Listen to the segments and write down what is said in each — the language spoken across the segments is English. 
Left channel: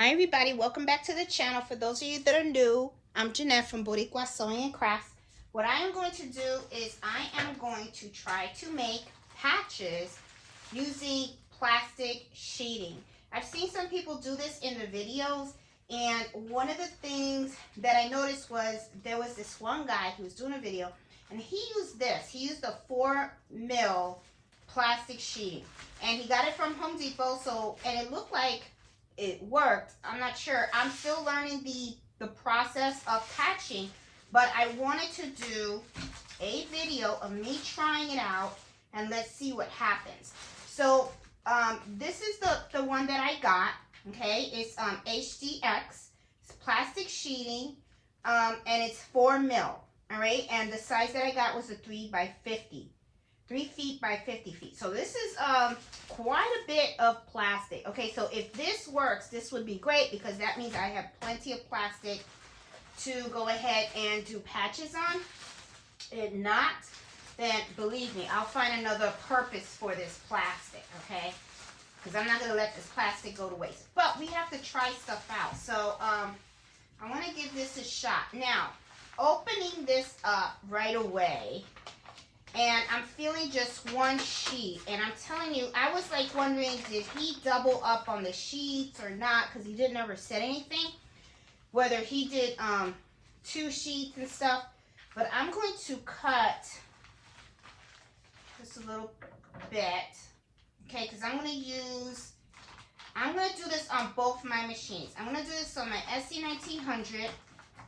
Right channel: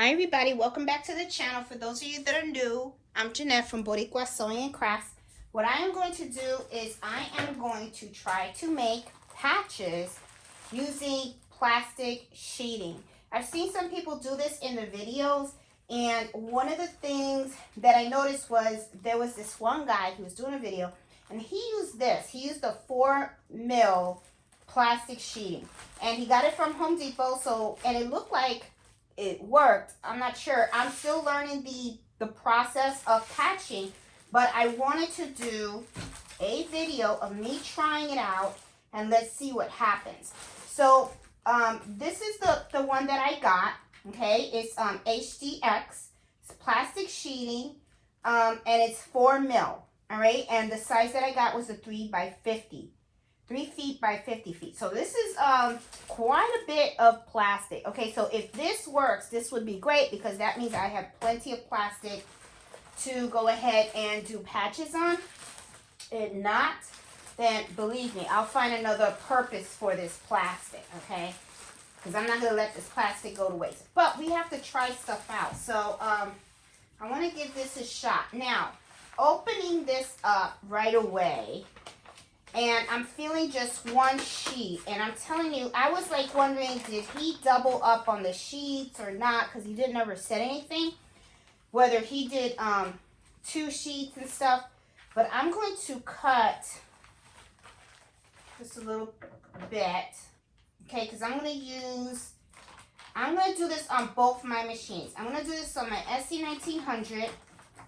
Hi everybody, welcome back to the channel. For those of you that are new, I'm Jeanette from Boricua Sewing and Crafts. What I am going to do is I am going to try to make patches using plastic sheeting. I've seen some people do this in the videos, and one of the things that I noticed was there was this one guy who was doing a video and he used this. He used a 4mm plastic sheeting and he got it from Home Depot, and it looked like it worked. I'm not sure. I'm still learning the process of patching, but I wanted to do a video of me trying it out and let's see what happens. So this is the one that I got. Okay, it's HDX. It's plastic sheeting, and it's 4mm. All right, and the size that I got was a 3 by 50. 3 feet by 50 feet. So this is quite a bit of plastic. Okay, so if this works, this would be great because that means I have plenty of plastic to go ahead and do patches on. If not, then believe me, I'll find another purpose for this plastic, okay? Because I'm not going to let this plastic go to waste. But we have to try stuff out. So I want to give this a shot. Now, opening this up right away, and I'm feeling just one sheet, and I'm telling you, I was like wondering, did he double up on the sheets or not, because he didn't ever say anything, whether he did 2 sheets and stuff. But I'm going to cut just a little bit, okay, because I'm going to do this on both my machines. I'm going to do this on my SE1900,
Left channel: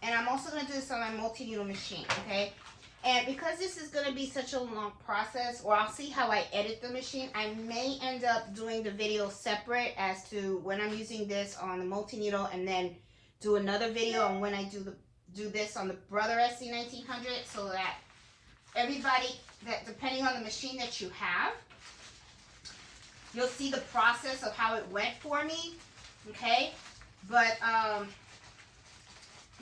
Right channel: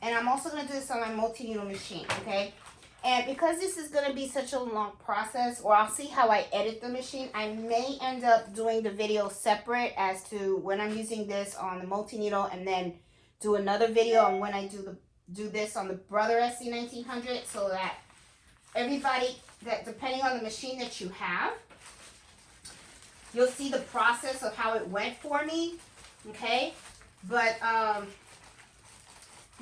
and I'm also going to do this on my multi-needle machine, okay? And because this is going to be such a long process, or I'll see how I edit the machine, I may end up doing the video separate as to when I'm using this on the multi-needle, and then do another video on when I do this on the Brother SE1900, so that everybody, that depending on the machine that you have, you'll see the process of how it went for me, okay? But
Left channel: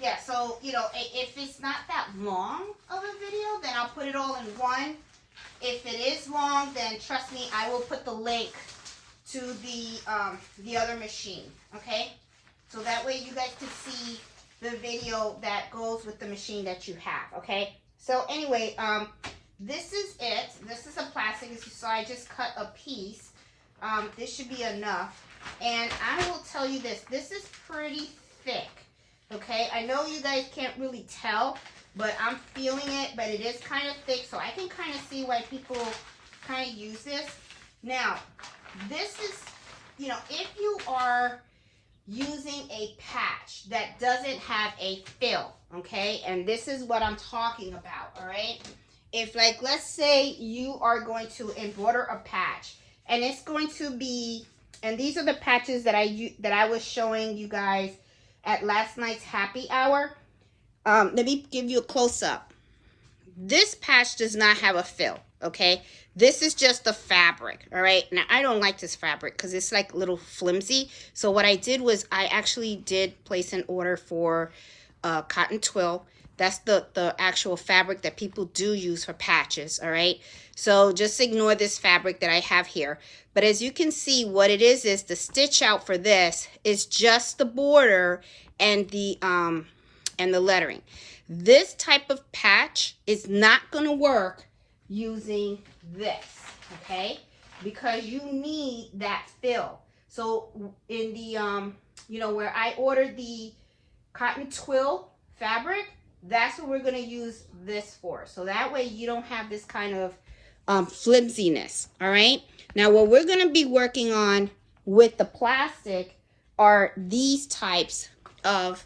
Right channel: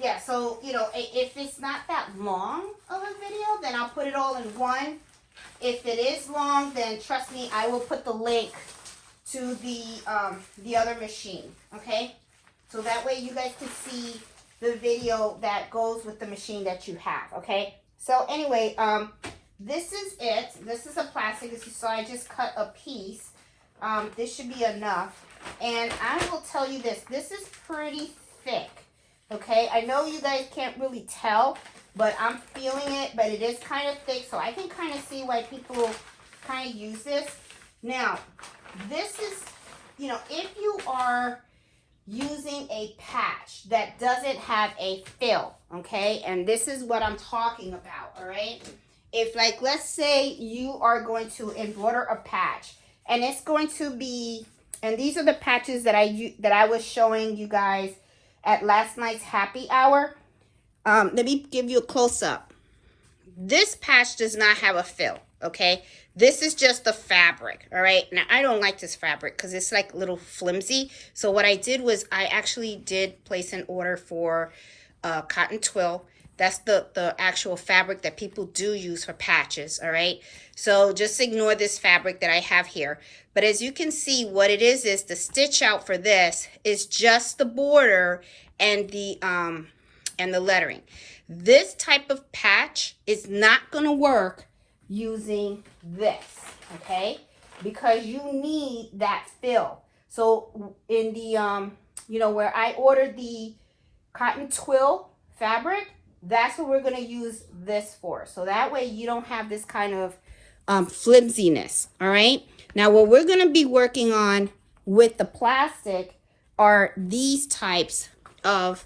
yeah, so, you know, if it's not that long of a video, then I'll put it all in one. If it is long, then trust me, I will put the link to the other machine, okay? So that way you guys can see the video that goes with the machine that you have, okay? So anyway, this is it. This is a plastic, as you saw, I just cut a piece. This should be enough. And I will tell you this is pretty thick. Okay, I know you guys can't really tell, but I'm feeling it, but it is kind of thick, so I can kind of see why people kind of use this. Now, this is, you know, if you are using a patch that doesn't have a fill, okay, and this is what I'm talking about, all right? If, like, let's say you are going to embroider a patch, and it's going to be, and these are the patches that I was showing you guys at last night's happy hour. Let me give you a close-up. This patch does not have a fill, okay? This is just the fabric, all right? Now, I don't like this fabric because it's like a little flimsy. So what I did was I actually did place an order for cotton twill. That's the actual fabric that people do use for patches, all right? So just ignore this fabric that I have here. But as you can see, what it is the stitch out for this is just the border and the lettering. This type of patch is not going to work using this, okay? Because you need that fill. So in the, you know, where I ordered the cotton twill fabric, that's what we're going to use this for. So that way you don't have this kind of flimsiness, all right? Now, what we're going to be working on with the plastic are these types of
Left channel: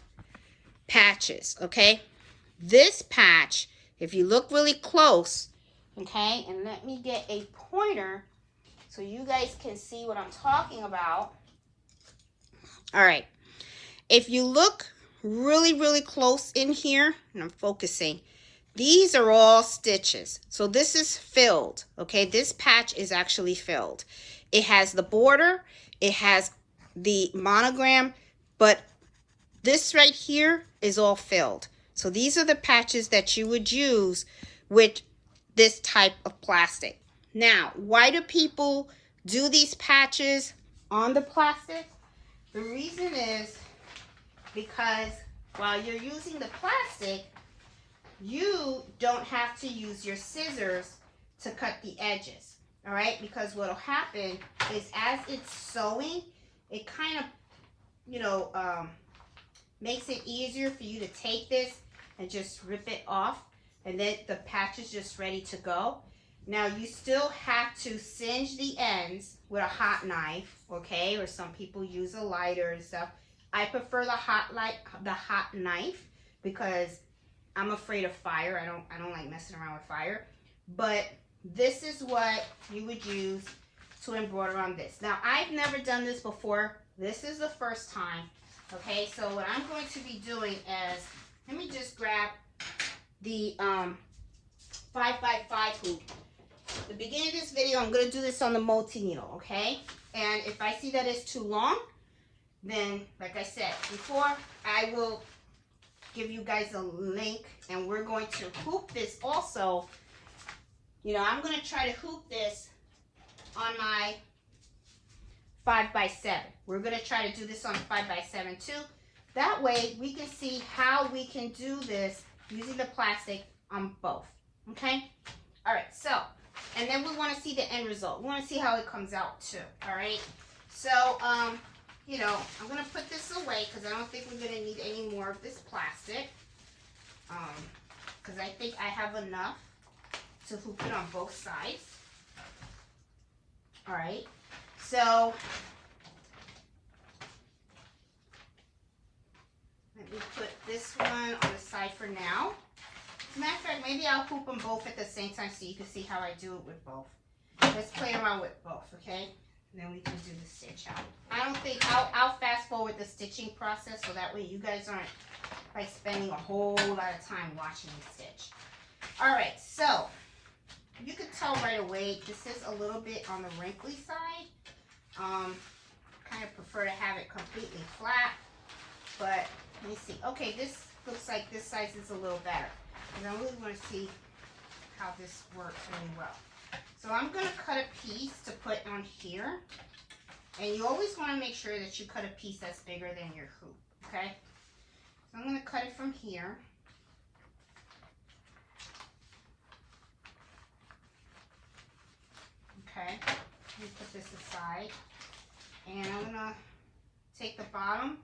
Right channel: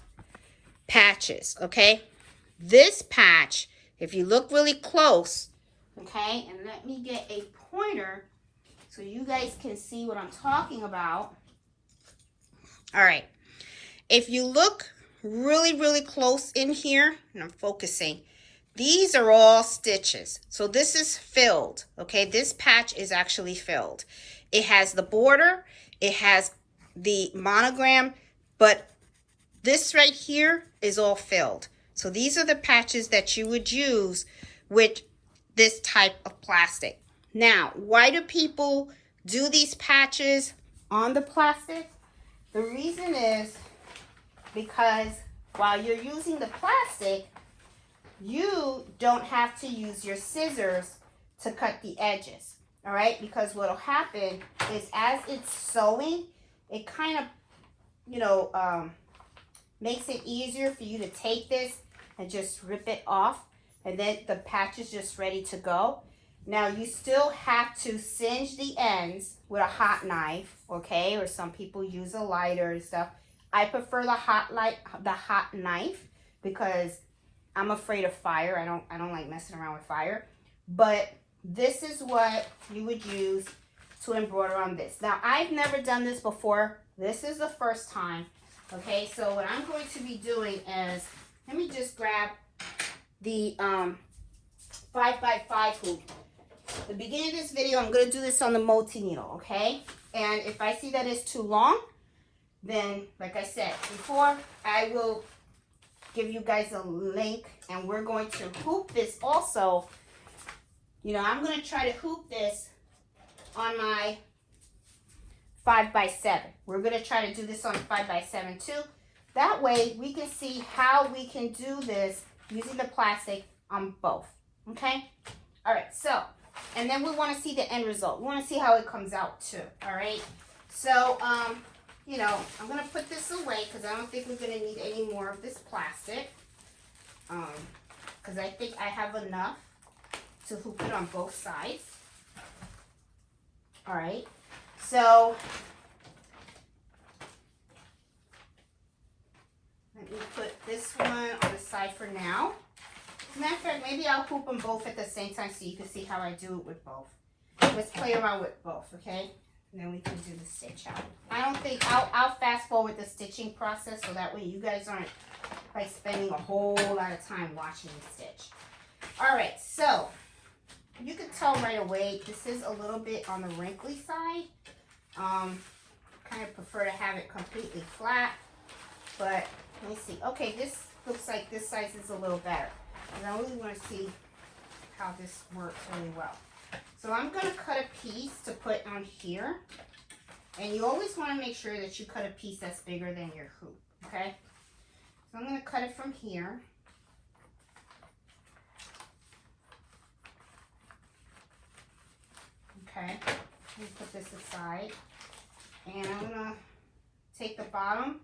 patches, okay? This patch, if you look really close, okay, and let me get a pointer so you guys can see what I'm talking about. All right, if you look really, really close in here, and I'm focusing, these are all stitches. So this is filled, okay? This patch is actually filled. It has the border, it has the monogram, but this right here is all filled. So these are the patches that you would use with this type of plastic. Now, why do people do these patches on the plastic? The reason is because while you're using the plastic, you don't have to use your scissors to cut the edges, all right? Because what'll happen is as it's sewing, it kind of, you know, makes it easier for you to take this and just rip it off, and then the patch is just ready to go. Now you still have to singe the ends with a hot knife, okay? Or some people use a lighter and stuff. I prefer the hot knife because I'm afraid of fire. I don't like messing around with fire. But this is what you would use to embroider on this. Now I've never done this before. This is the first time. Okay, so what I'm going to be doing is, let me just grab the 5x5 hoop. At the beginning of this video, I'm going to do this on the multi-needle, okay? And if I see that it's too long, then, like I said before, I will give you guys a link, and we're going to hoop this also. You know, I'm going to try to hoop this on my 5x7. We're going to try to do this on 5x7 too. That way, we can see how we can do this using the plastic on both, okay? All right, so, and then we want to see the end result. We want to see how it comes out too, all right? So, you know, I'm going to put this away because I don't think we're going to need any more of this plastic. Because I think I have enough to hoop it on both sides. All right, so let me put this one on the side for now. As a matter of fact, maybe I'll hoop them both at the same time so you can see how I do it with both. Let's play around with both, okay? And then we can do the stitch out. I don't think, I'll fast forward the stitching process so that way you guys aren't like spending a whole lot of time watching me stitch. All right, so you can tell right away this is a little bit on the wrinkly side. Kind of prefer to have it completely flat, but let me see. Okay, this looks like this size is a little better. And I really want to see how this works really well. So I'm going to cut a piece to put on here. And you always want to make sure that you cut a piece that's bigger than your hoop, okay? So I'm going to cut it from here. Okay, let me put this aside. And I'm going to take the bottom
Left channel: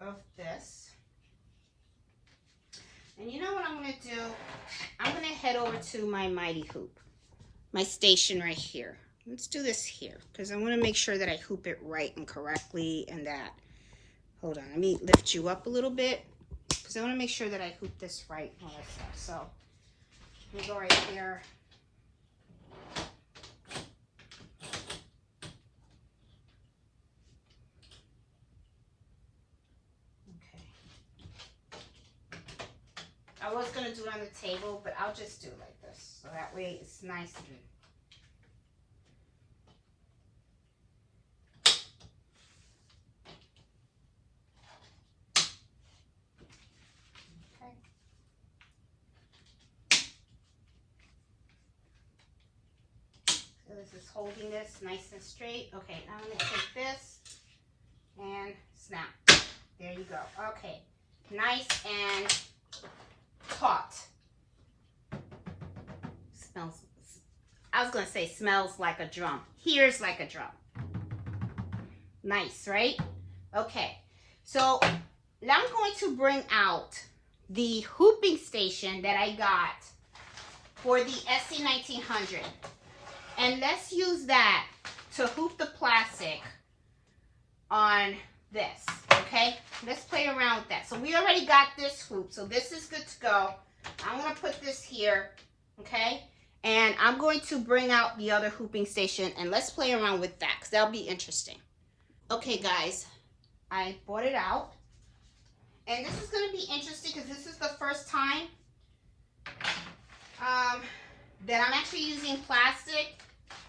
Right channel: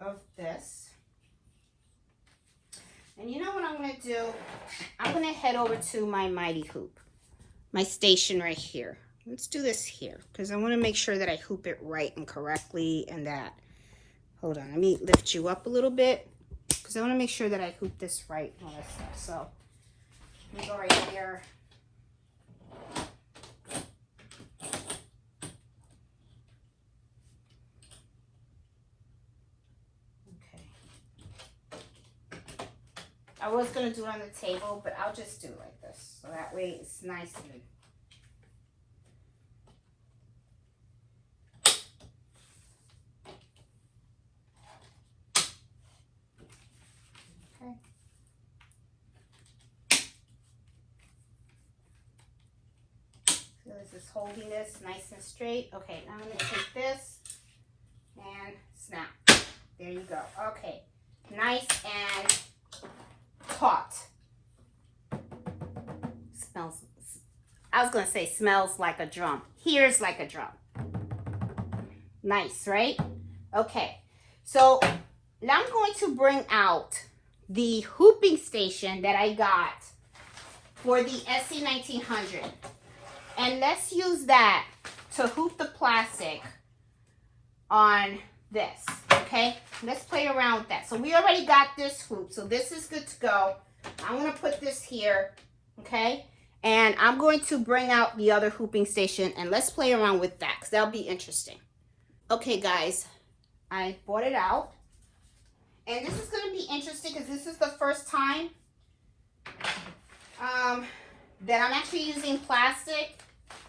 of this. And you know what I'm going to do? I'm going to head over to my mighty hoop, my station right here. Let's do this here because I want to make sure that I hoop it right and correctly and that. Hold on, let me lift you up a little bit because I want to make sure that I hoop this right. So let me go right here. I was going to do it on the table, but I'll just do it like this. So that way it's nice and... Okay. So this is holding this nice and straight. Okay, now I'm going to take this and snap. There you go. Okay, nice and taut. Smells, I was going to say smells like a drum. Here's like a drum. Nice, right? Okay, so now I'm going to bring out the hooping station that I got for the SE1900. And let's use that to hoop the plastic on this. Okay, let's play around with that. So we already got this hoop, so this is good to go. I'm going to put this here, okay? And I'm going to bring out the other hooping station, and let's play around with that, because that'll be interesting. Okay, guys, I brought it out. And this is going to be interesting, because this is the first time that I'm actually using plastic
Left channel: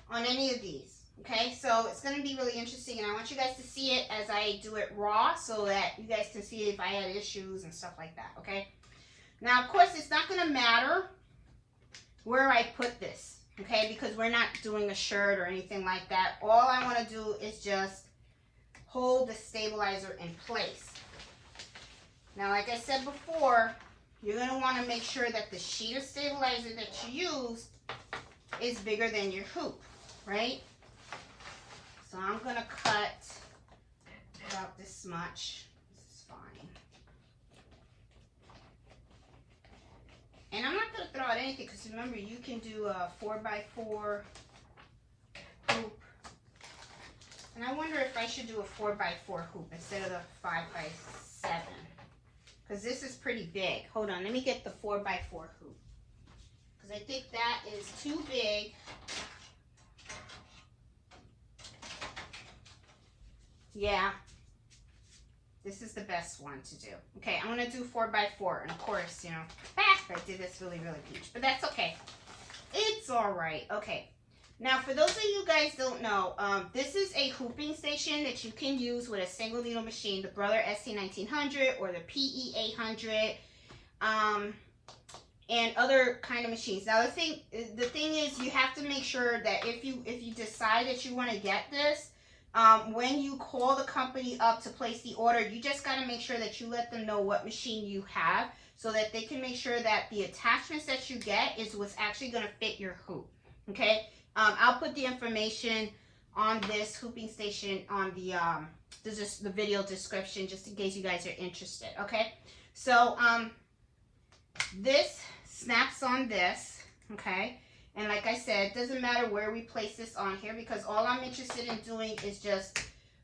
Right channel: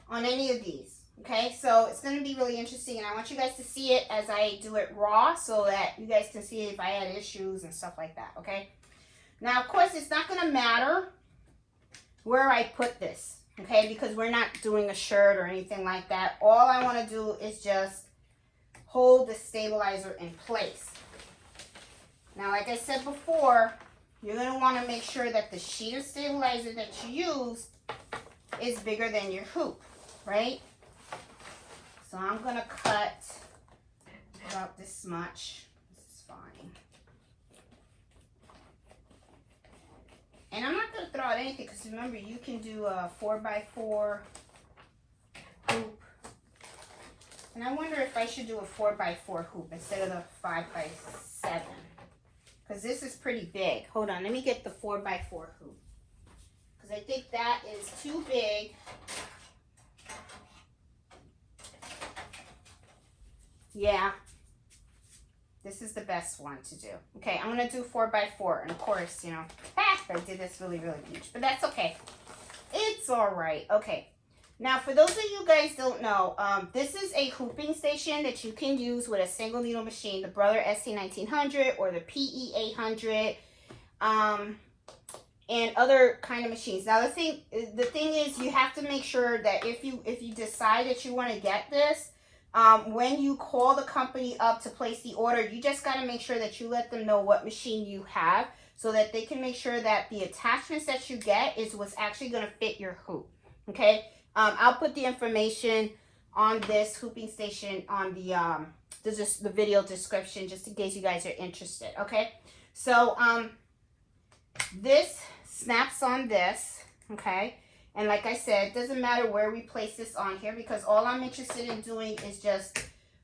on any of these. Okay, so it's going to be really interesting, and I want you guys to see it as I do it raw so that you guys can see if I had issues and stuff like that, okay? Now, of course, it's not going to matter where I put this, okay, because we're not doing a shirt or anything like that. All I want to do is just hold the stabilizer in place. Now, like I said before, you're going to want to make sure that the sheet of stabilizer that you use is bigger than your hoop, right? So I'm going to cut about this much. This is fine. And I'm not going to throw out anything because remember, you can do a 4x4 hoop. And I wonder if I should do a 4x4 hoop instead of the 5x7. Because this is pretty big. Hold on, let me get the 4x4 hoop. Because I think that is too big. Yeah. This is the best one to do. Okay, I'm going to do 4x4. And of course, you know, I did this really, really huge. But that's okay. It's all right. Okay. Now, for those of you guys don't know, this is a hooping station that you can use with a single needle machine, the Brother SE1900 or the PE800, and other kind of machines. Now, the thing is, you have to make sure that if you decide that you want to get this, when you call the company up to place the order, you just got to make sure that you let them know what machine you have so that they can make sure that the attachments that you get is what's actually going to fit your hoop. Okay. I'll put the information on this hooping station on the video description just in case you guys are interested. Okay, so this snaps on this. Okay, and like I said, it doesn't matter where we place this on here because all I'm interested in doing is just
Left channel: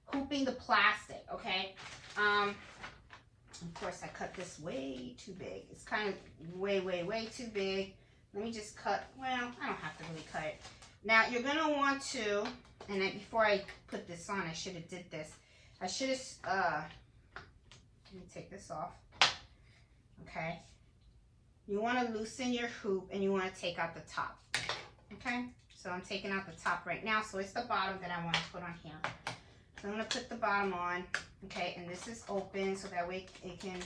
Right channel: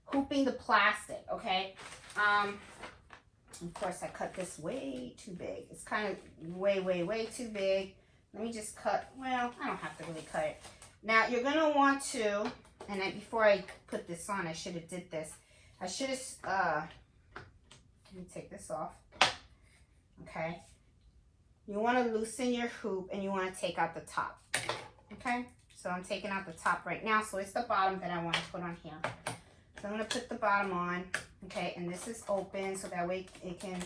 hooping the plastic. Okay, of course I cut this way too big. It's kind of way too big. Let me just cut. Well, I don't have to really cut it. Now, you're going to want to, and then before I put this on, I should have did this. I should have, let me take this off. Okay. You want to loosen your hoop and you want to take out the top. Okay. So I'm taking out the top right now. So it's the bottom that I want to put on here. So I'm going to put the bottom on. Okay. And this is open so that way it can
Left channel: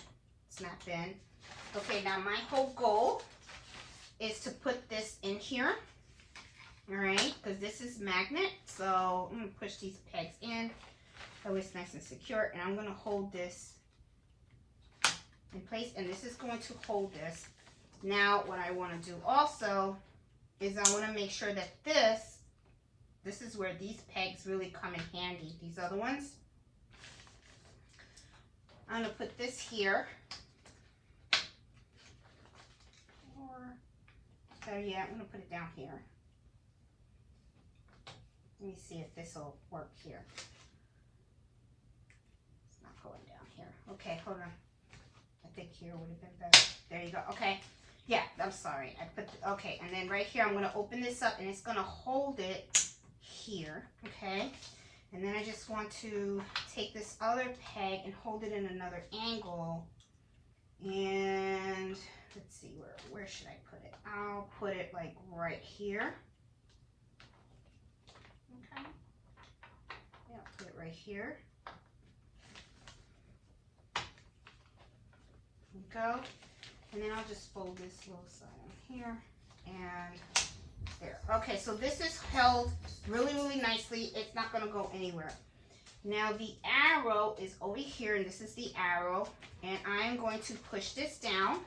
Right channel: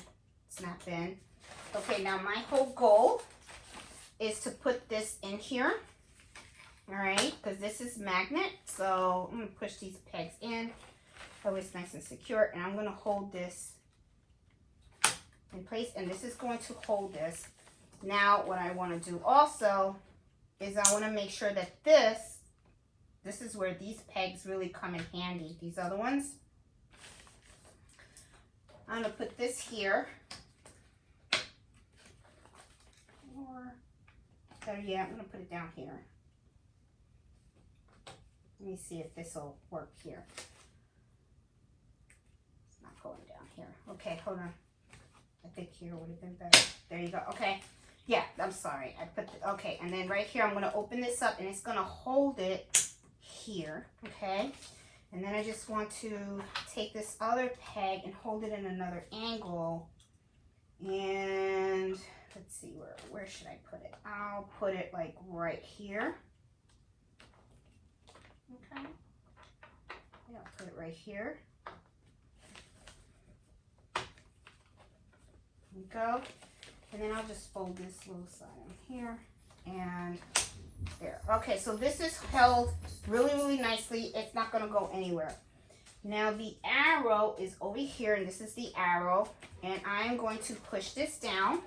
snap in. Okay. Now, my whole goal is to put this in here. All right, because this is magnet, so I'm going to push these pegs in so it's nice and secure, and I'm going to hold this in place, and this is going to hold this. Now, what I want to do also is I want to make sure that this is where these pegs really come in handy, these other ones. I'm going to put this here. So yeah, I'm going to put it down here. Let me see if this will work here. It's not going down here. Okay, hold on. I think here would have been better. There you go. Okay. Yeah, I'm sorry. Okay, and then right here, I'm going to open this up, and it's going to hold it here. Okay. And then I just want to take this other peg and hold it in another angle. And let's see, where should I put it? I'll put it like right here. Okay. Yeah, put it right here. There we go. And then I'll just fold this little side in here and there. Okay, so this is held really, really nicely. It's not going to go anywhere. Now the arrow is over here, and this is the arrow. And I'm going to push this down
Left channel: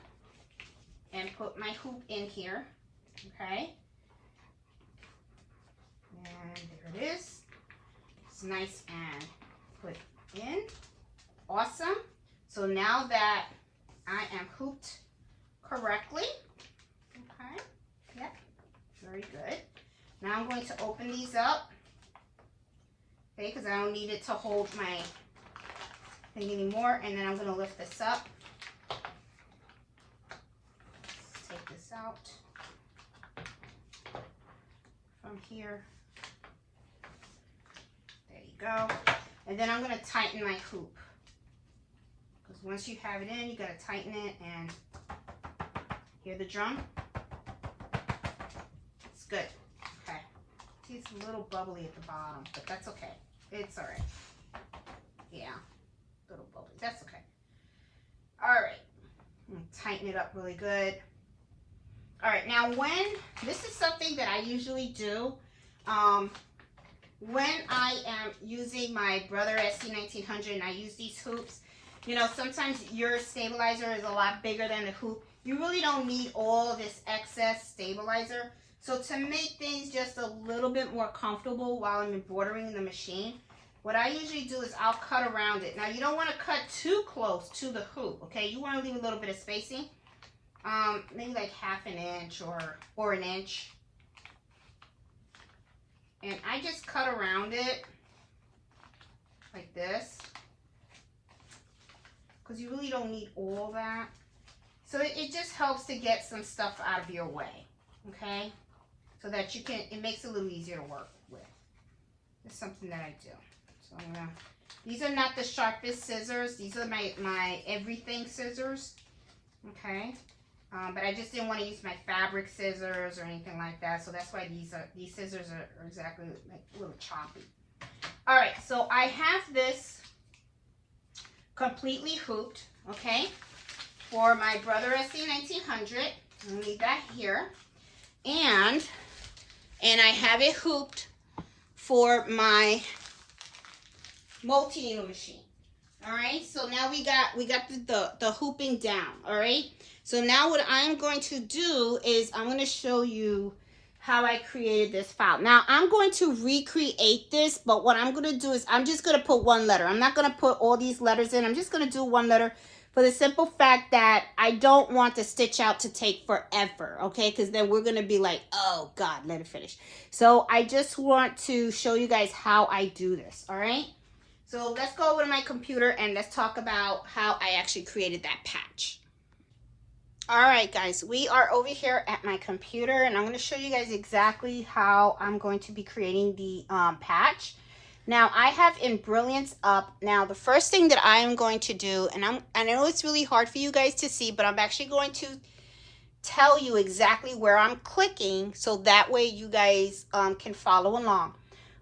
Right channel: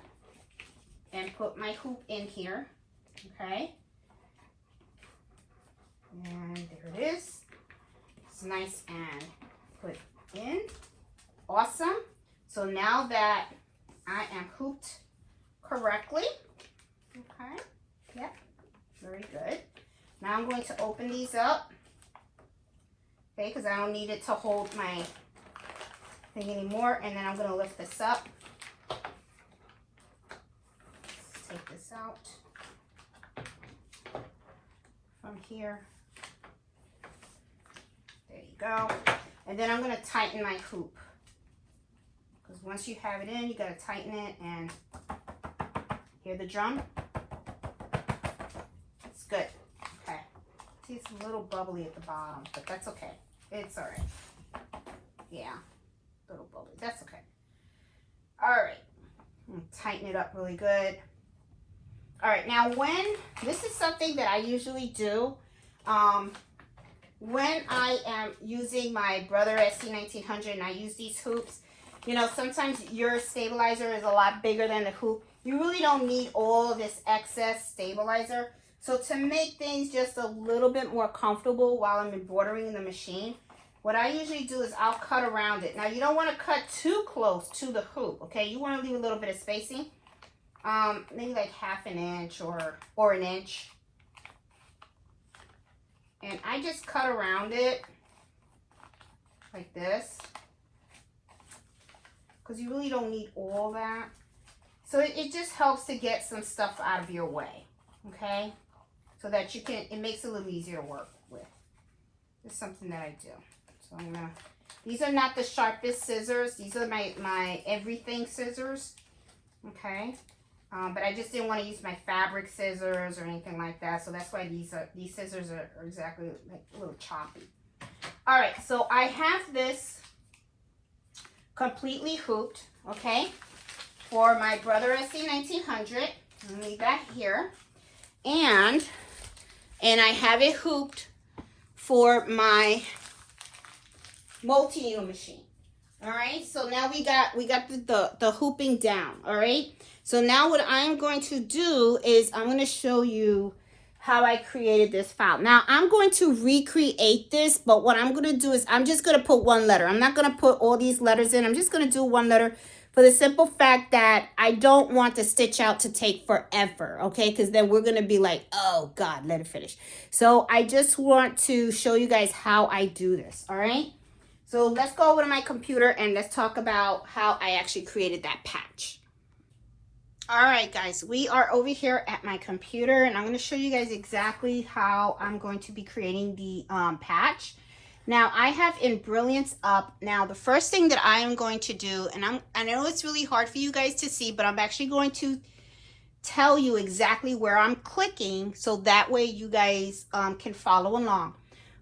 and put my hoop in here. Okay. And there it is. It's nice and put in. Awesome. So now that I am hooped correctly. Okay. Yep. Very good. Now I'm going to open these up. Okay, because I don't need it to hold my thing anymore. And then I'm going to lift this up. Let's take this out from here. There you go. And then I'm going to tighten my hoop. Because once you have it in, you got to tighten it. And hear the drum? It's good. Okay. See, it's a little bubbly at the bottom, but that's okay. It's all right. Yeah, a little bubbly. That's okay. All right. I'm going to tighten it up really good. All right. Now, this is something that I usually do, when I am using my Brother SE1900 and I use these hoops, you know, sometimes your stabilizer is a lot bigger than the hoop. You really don't need all of this excess stabilizer. So to make things just a little bit more comfortable while I'm embroidering in the machine, what I usually do is I'll cut around it. Now you don't want to cut too close to the hoop, okay? You want to leave a little bit of spacing, maybe like half an inch or an inch. And I just cut around it like this, because you really don't need all that. So it just helps to get some stuff out of your way, okay? So that you can, it makes it a little easier to work with. It's something that I do. So I'm gonna, these are not the sharpest scissors. These are my everything scissors, okay? But I just didn't want to use my fabric scissors or anything like that. So that's why these scissors are exactly like a little choppy. All right, so I have this completely hooped, okay, for my Brother SE1900. I'm gonna leave that here. And I have it hooped for my multi-needle machine. All right, so now we got the hooping down. All right, so now what I'm going to do is I'm going to show you how I created this file. Now I'm going to recreate this, but what I'm going to do is I'm just going to put one letter. I'm not going to put all these letters in. I'm just going to do one letter for the simple fact that I don't want the stitch out to take forever, okay? Because then we're going to be like, oh God, let it finish. So I just want to show you guys how I do this, all right? So let's go over to my computer and let's talk about how I actually created that patch. All right, guys, we are over here at my computer and I'm going to show you guys exactly how I'm going to be creating the patch. Now I have Embroider up. Now the first thing that I am going to do, and I know it's really hard for you guys to see, but I'm actually going to tell you exactly where I'm clicking so that way you guys can follow along.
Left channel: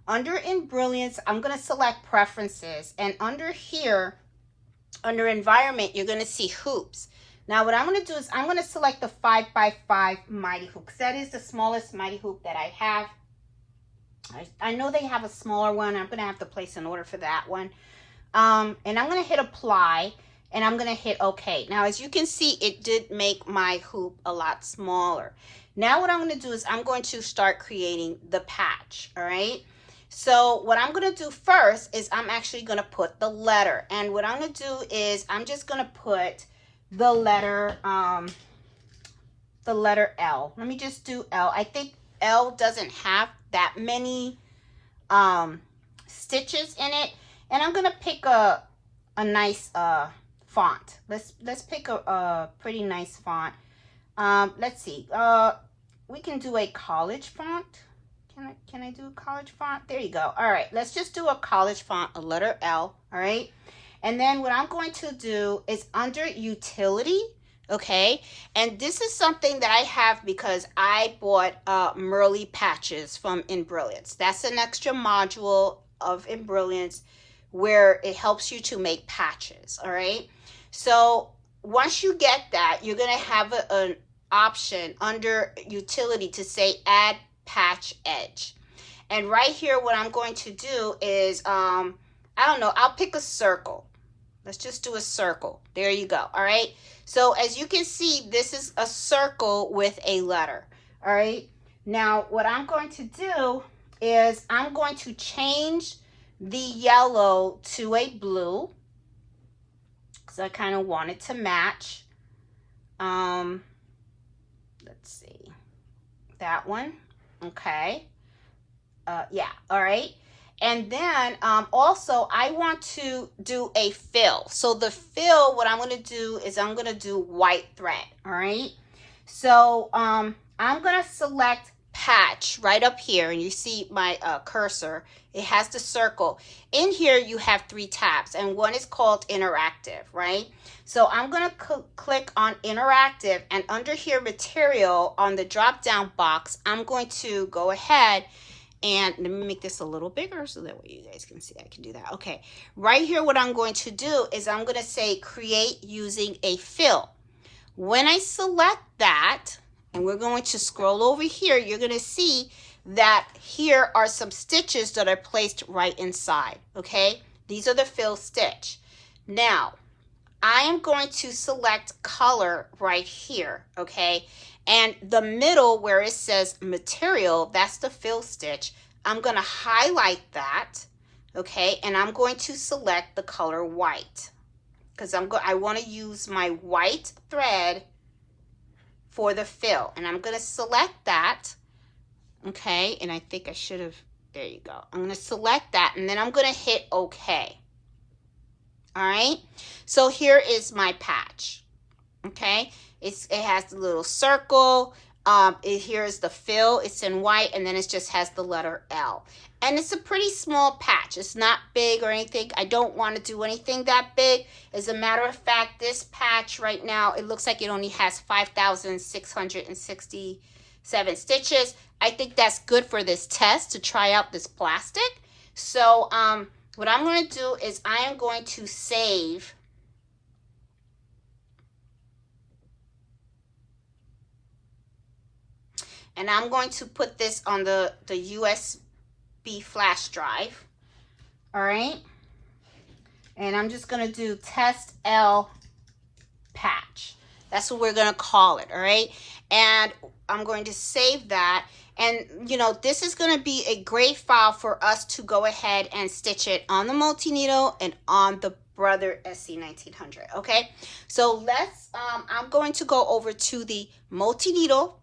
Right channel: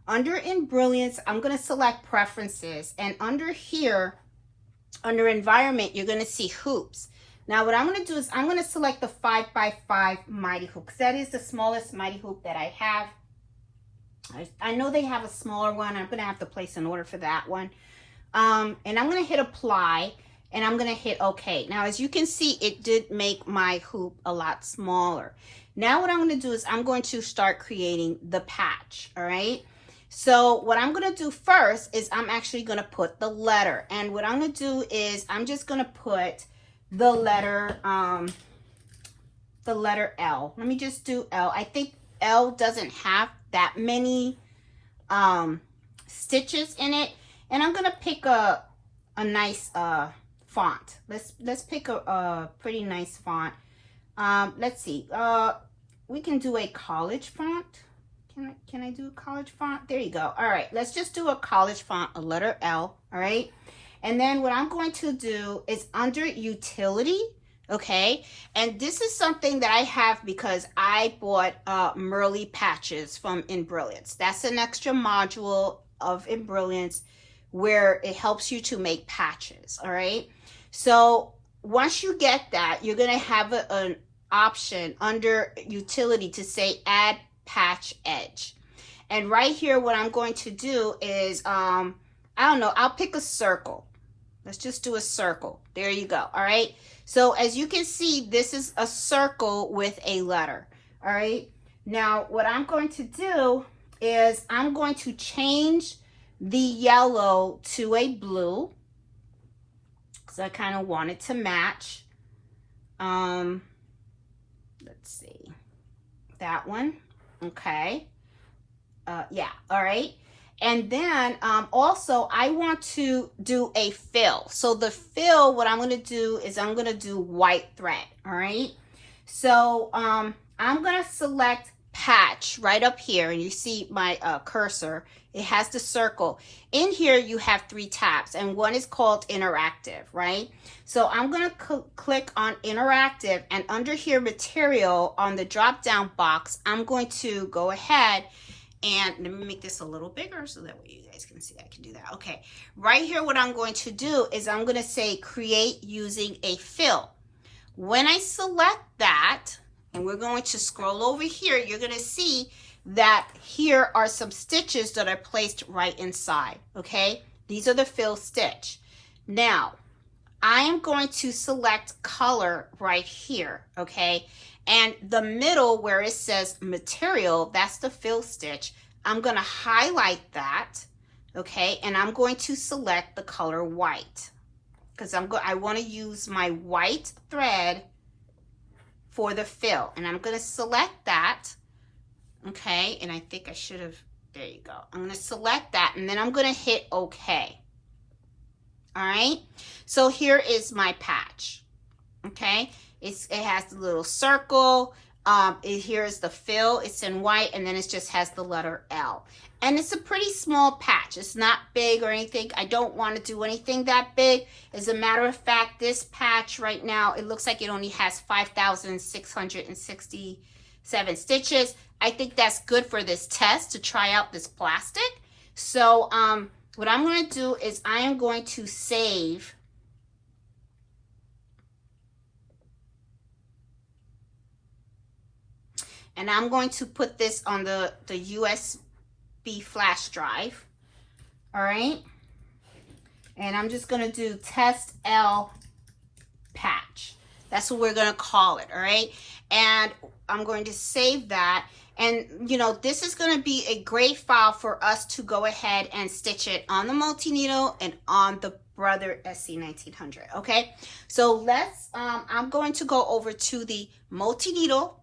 Under Embroider, I'm going to select Preferences, and under here, under Environment, you're going to see Hoops. Now what I'm going to do is I'm going to select the 5x5 Mighty Hoop, because that is the smallest Mighty Hoop that I have. I know they have a smaller one. I'm going to have to place an order for that one. And I'm going to hit Apply, and I'm going to hit OK. Now, as you can see, it did make my hoop a lot smaller. Now what I'm going to do is I'm going to start creating the patch, all right? So what I'm going to do first is I'm actually going to put the letter. And what I'm going to do is I'm just going to put the letter L. Let me just do L. I think L doesn't have that many stitches in it. And I'm going to pick a nice font. Let's pick a pretty nice font. Let's see. We can do a college font. Can I do a college font? There you go. All right, let's just do a college font, a letter L, all right? And then what I'm going to do is under Utility, okay? And this is something that I have because I bought Merly patches from Embroider. That's an extra module of Embroider where it helps you to make patches, all right? So once you get that, you're gonna have an option under Utility to say Add Patch Edge. And right here what I'm going to do is I don't know, I'll pick a circle. Let's just do a circle. There you go. All right, so as you can see, this is a circle with a letter. All right, now what I'm going to do is I'm going to change the yellow to a blue because I kind of want it to match. Let's see, that one. Okay, yeah, all right. And then also I want to do a fill. So the fill, what I'm going to do is I'm going to do white thread, all right? So I'm going to select patch right up here, and you see my cursor. It has the circle. In here you have 3 tabs, and one is called interactive, right? So I'm going to click on interactive, and under here material on the drop down box, I'm going to go ahead and let me make this a little bigger so that way you guys can see I can do that. Okay, right here what I'm going to do is I'm going to say create using a fill. When I select that, and we're going to scroll over here, you're going to see that here are some stitches that are placed right inside, okay? These are the fill stitch. Now, I am going to select color right here, okay? And the middle where it says material, that's the fill stitch. I'm going to highlight that, okay? And I'm going to select the color white because I want to use my white thread for the fill. And I'm going to select that, okay? And I think I should have, there you go. I'm going to select that and then I'm going to hit OK. All right, so here is my patch, okay? It has the little circle. Here is the fill. It's in white, and then it just has the letter L. And it's a pretty small patch. It's not big or anything. I don't want to do anything that big. As a matter of fact, this patch right now, it looks like it only has 5,667 stitches. I think that's good for this test to try out this plastic. So, what I'm going to do is I am going to save and I'm going to put this on the USB flash drive. All right. And I'm just going to do test L patch. That's what we're going to call it. All right. And I'm going to save that. And, you know, this is going to be a great file for us to go ahead and stitch it on the multi-needle and on the Embroider SE1900, okay? So let's, I'm going to go over to the multi-needle,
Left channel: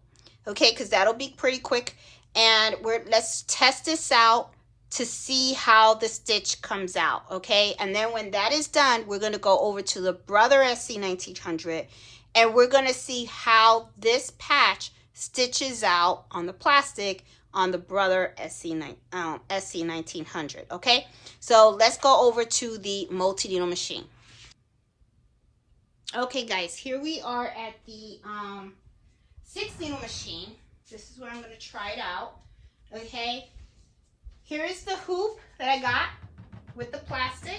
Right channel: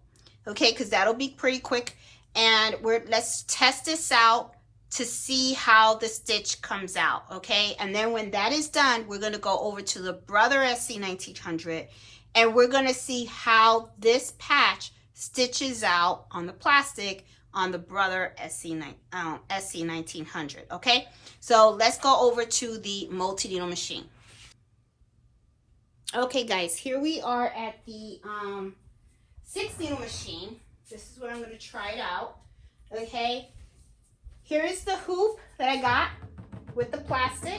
okay, because that'll be pretty quick. And let's test this out to see how the stitch comes out, okay? And then when that is done, we're going to go over to the Embroider SE1900 and we're going to see how this patch stitches out on the plastic on the Embroider SE1900, okay? So let's go over to the multi-needle machine. Okay, guys, here we are at the 6-needle machine. This is where I'm going to try it out, okay? Here is the hoop that I got with the plastic,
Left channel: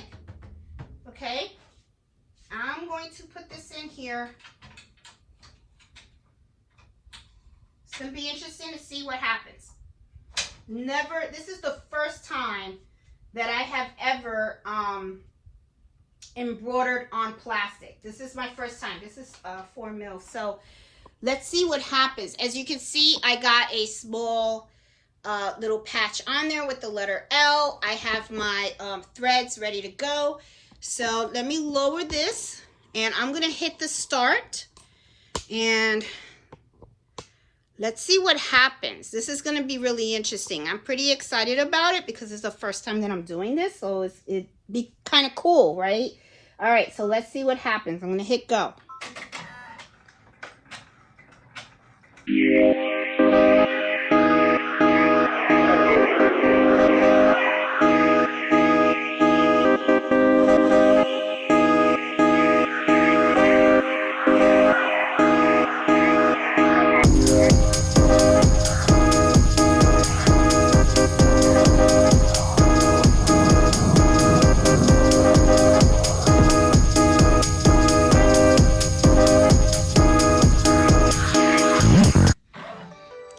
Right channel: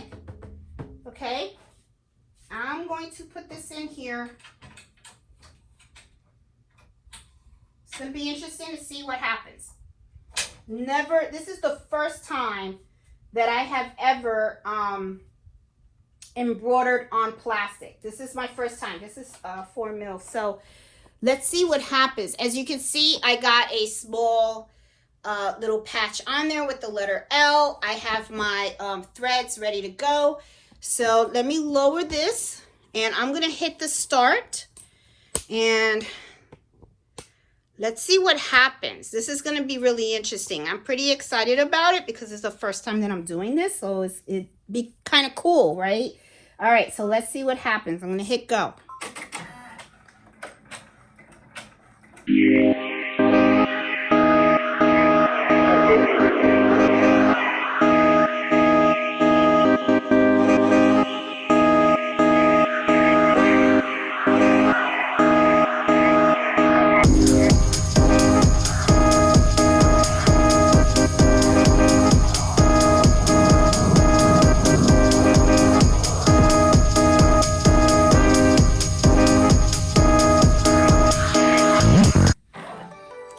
okay? I'm going to put this in here. It's going to be interesting to see what happens. This is the first time that I have ever embroidered on plastic. This is my first time. This is 4 mil. So let's see what happens. As you can see, I got a small little patch on there with the letter L. I have my threads ready to go. So let me lower this and I'm going to hit the start and let's see what happens. This is going to be really interesting. I'm pretty excited about it because it's the first time that I'm doing this. So it'd be kind of cool, right? All right, so let's see what happens. I'm going to hit go.